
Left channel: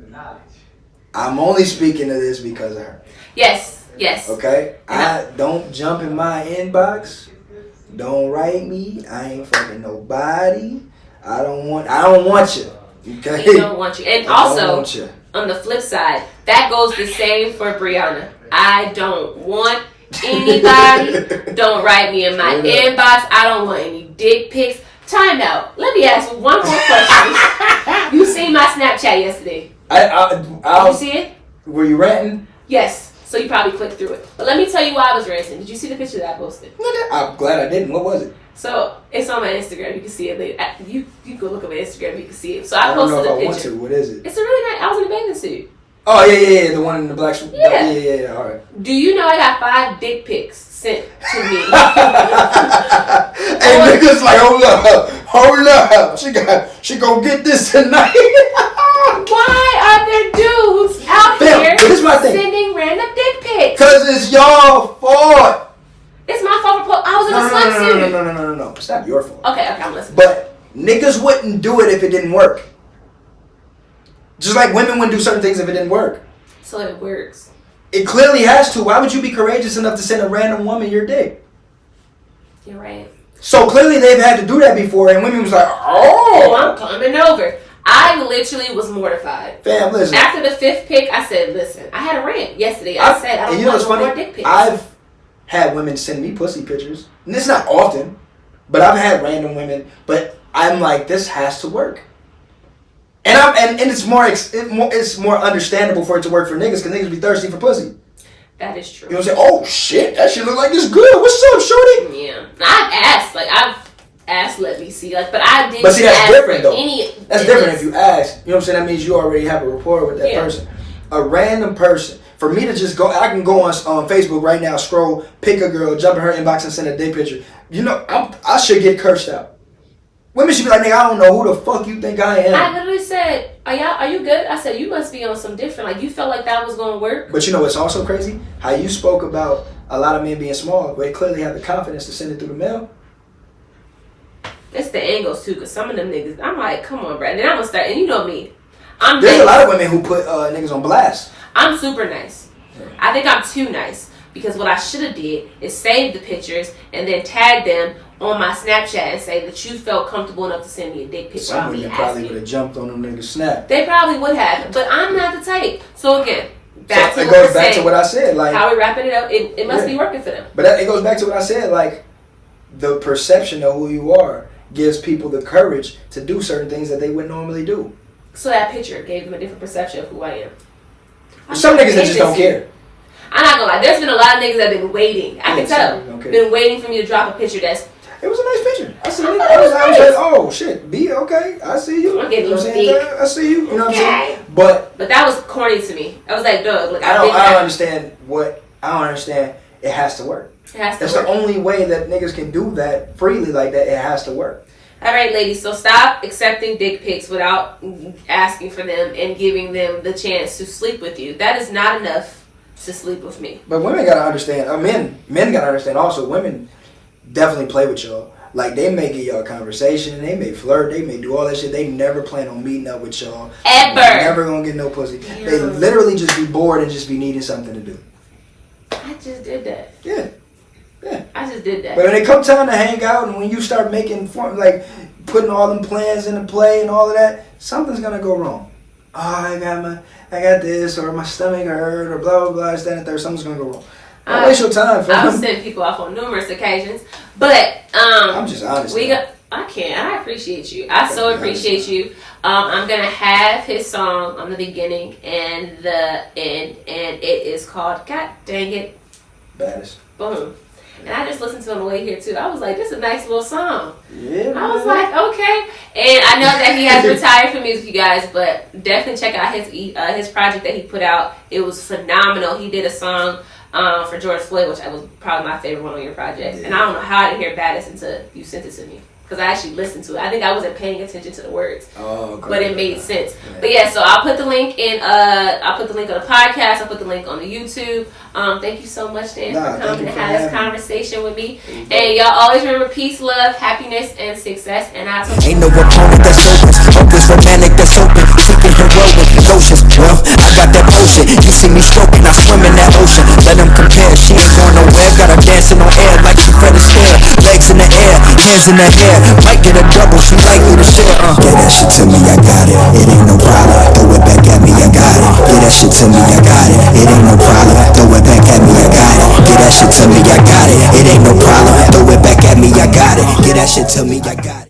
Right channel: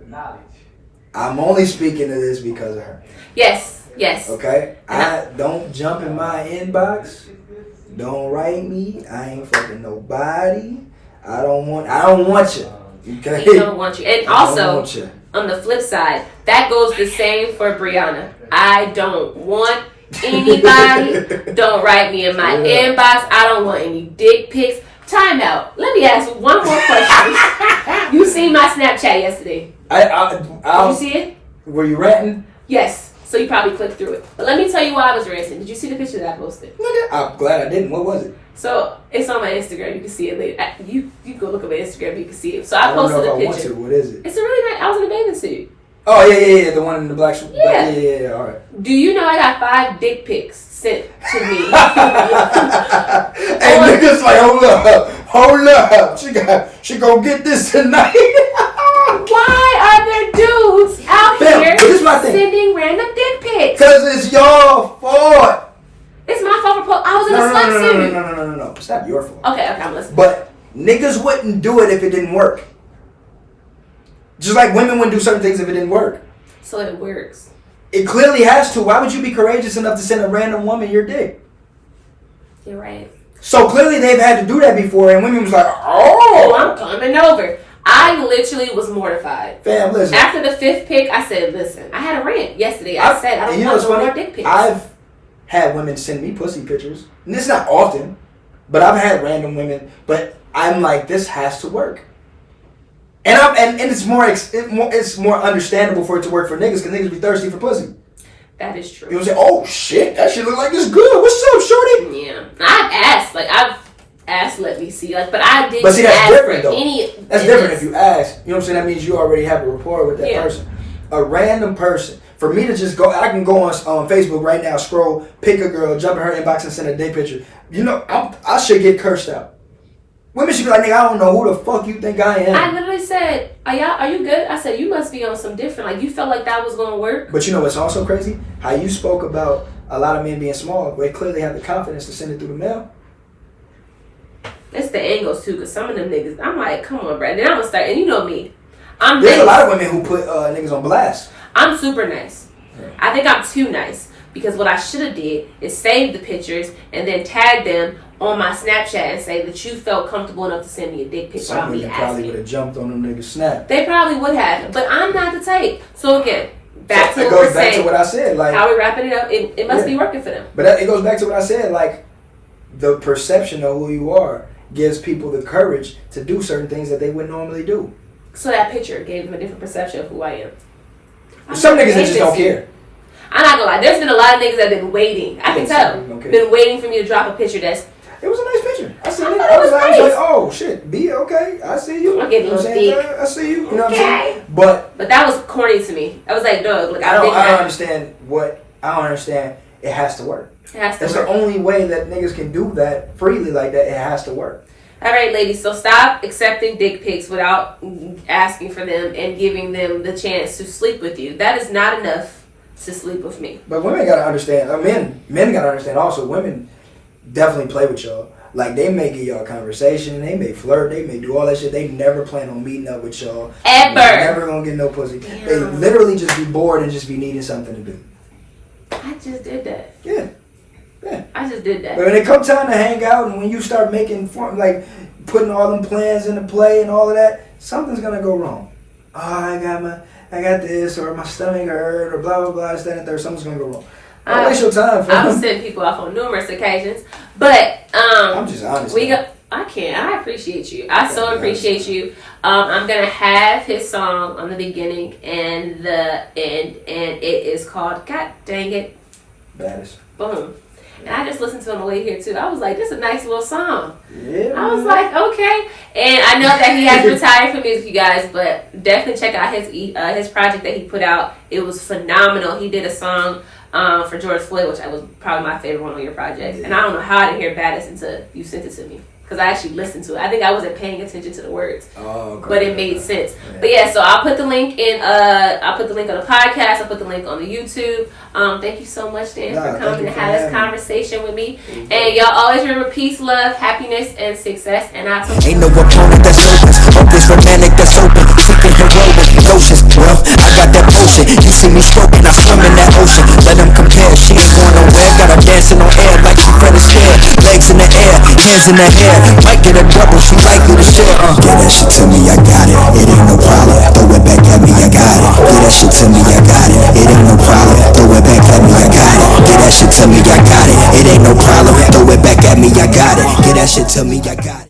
I'm only speaking to this because of her. Yes. Okay? I don't jump in my inbox. Don't write me. I ain't fucking nobody. I don't want you. Okay? He don't want you. And also, you. On the flip side, that goes the same for Brianna. I don't want anybody. Don't write me in my inbox. I don't want any dick pics. Time out. Let me ask one more question. You seen my Snapchat yesterday? Did you see it? Were you ranting? Yes. So you probably clicked through it. But let me tell you why I was ranting. Did you see the picture that I posted? I'm glad I didn't. What was it? So it's on my Instagram. You can see it later. You go look at my Instagram. You can see it. So I posted a picture. What is it? It's a really nice. I was in a bathing suit. Oh yeah. The one in the black suit. Yeah. All right. Do you know I got 5 dick pics sent to me? And niggas like, hold up. She gonna get this tonight. Why are there dudes out here sending random dick pics? Cause it's y'all fault. It's my fault for I was in a sweatsuit. No. It's not your fault. Okay, I'm listening. But niggas wouldn't do it if it didn't work. Just like women wouldn't do certain things if it didn't work. So it works. It clearly has to. Why would you be courageous enough to send a random woman your dick? You're right. So clearly they've had to do that before, and women was like, oh, I'm coming over. I literally was mortified. Fam, listen. After the 5th pic, I said, listen, I had a rant yesterday. I said, I don't want no more dick pics. I've had women send me pussy pictures. And it's not often, but I've had random women. But I'm like, this has to work. And it's more understandable for it to work for niggas because niggas be thirsty for pussy. That is true. You know what I'm saying? Oh shit, that shit look like it's good. What's up, shorty? Yeah, I've asked, let me see, like, but I didn't. But see, that's different though. That's different if you ask. You know what I'm saying? That means you already have a rapport with that person. A random person. For me to just go, I can go on Facebook right now, scroll, pick a girl, jump in her inbox and send a dick picture. You know, I should get cursed out. Women should be like, nigga, I don't know who the fuck you think I am. I literally said, are you good? I said, you must be on some different, like, you felt like that was going to work. But you know what's also crazy? How you spoke about a lot of men being small, but they clearly have the confidence to send it through the mail. It's the angles, too, because some of them niggas, I'm like, come on, bro. And then I'm going to start, and you know me. There's a lot of women who put niggas on blast. I'm super nice. Yeah. I think I'm too nice because what I should have did is save the pictures and then tag them on my Snapchat and say that you felt comfortable enough to send me a dick picture. Some women probably would have jumped on them niggas' snap. They probably would have, but I'm not the type. So again, back to what I said. Like, how we wrapping it up, it must be working for them. But it goes back to what I said. Like, the perception of who you are gives people the courage to do certain things that they wouldn't normally do. So that picture gave them a different perception of who I am. Some niggas that just don't care. I'm not gonna lie. There's been a lot of niggas that have been waiting. I can tell. Been waiting for me to drop a picture that's. It was a nice picture. I see it. I was like, oh shit, B, okay, I see you. I'm getting I see you. You know what I'm saying? But that was corny to me. I was like, dog, look, I don't understand. It has to work. It has to It's work. the only way that niggas can do that freely like that. It has to work. All right, ladies, so stop accepting dick pics without asking for them and giving them the chance to sleep with you. That is not enough to sleep with me. But women gotta understand, men gotta understand also, women definitely play with y'all. Like, they may give y'all a conversation, they may flirt, they may do all that shit. They never plan on meeting up with y'all. Ever. Never gonna get no pussy. Damn. They literally just be bored and just be needing something to do. I just did that. Yeah. I just did that. But when it comes time to hang out and when you start putting all them plans into play and all of that, something's gonna go wrong. Oh, I got this, or my stomach hurt, or blah blah blah, that and third. Something's gonna go wrong. Don't waste your time. I've sent people off on numerous occasions, but I'm just honest. I appreciate you. I so appreciate you. I'm gonna have his song on the beginning and the end, and it is called "God Dang It." Baddest. Boom. And I just listened to him on the way here too. I was like, this is a nice little song. Yeah. I was like, okay. And I know that he has retired from music, you guys, but definitely check out his project that he put out. It was phenomenal. He did a song for George Floyd, which was probably my favorite one on your project. Yeah. And I don't know how I didn't hear Baddest until you sent it to me. Because I actually listened to it. I think I wasn't paying attention to the words. Oh, okay. But it made sense. Yeah. But yeah, so I'll put the link in I'll put the link on the podcast, I'll put the link on the YouTube. Thank you so much, Dan, for coming and having this conversation with me. And y'all always remember peace, love, happiness, and success. And I ain't no opponent that's open, hopeless romantic that's open, seeking heroic notions. Well, I got that potion. You see me stroking, I swim in that ocean. Let them compare, she ain't going nowhere. Got her dancing on air like she Fred Astaire. Legs in the air, hands in the hair. Might get a double, she likely to share. Get that shit to me, I got it. It ain't no problem. Throw it back at me, I got it. Get that shit to me, I got it. It ain't no problem. Throw it back at me, I got it. Get that shit to me, I got it. It ain't no problem. Throw it back at me, I got it. Get that shit to me, I got it.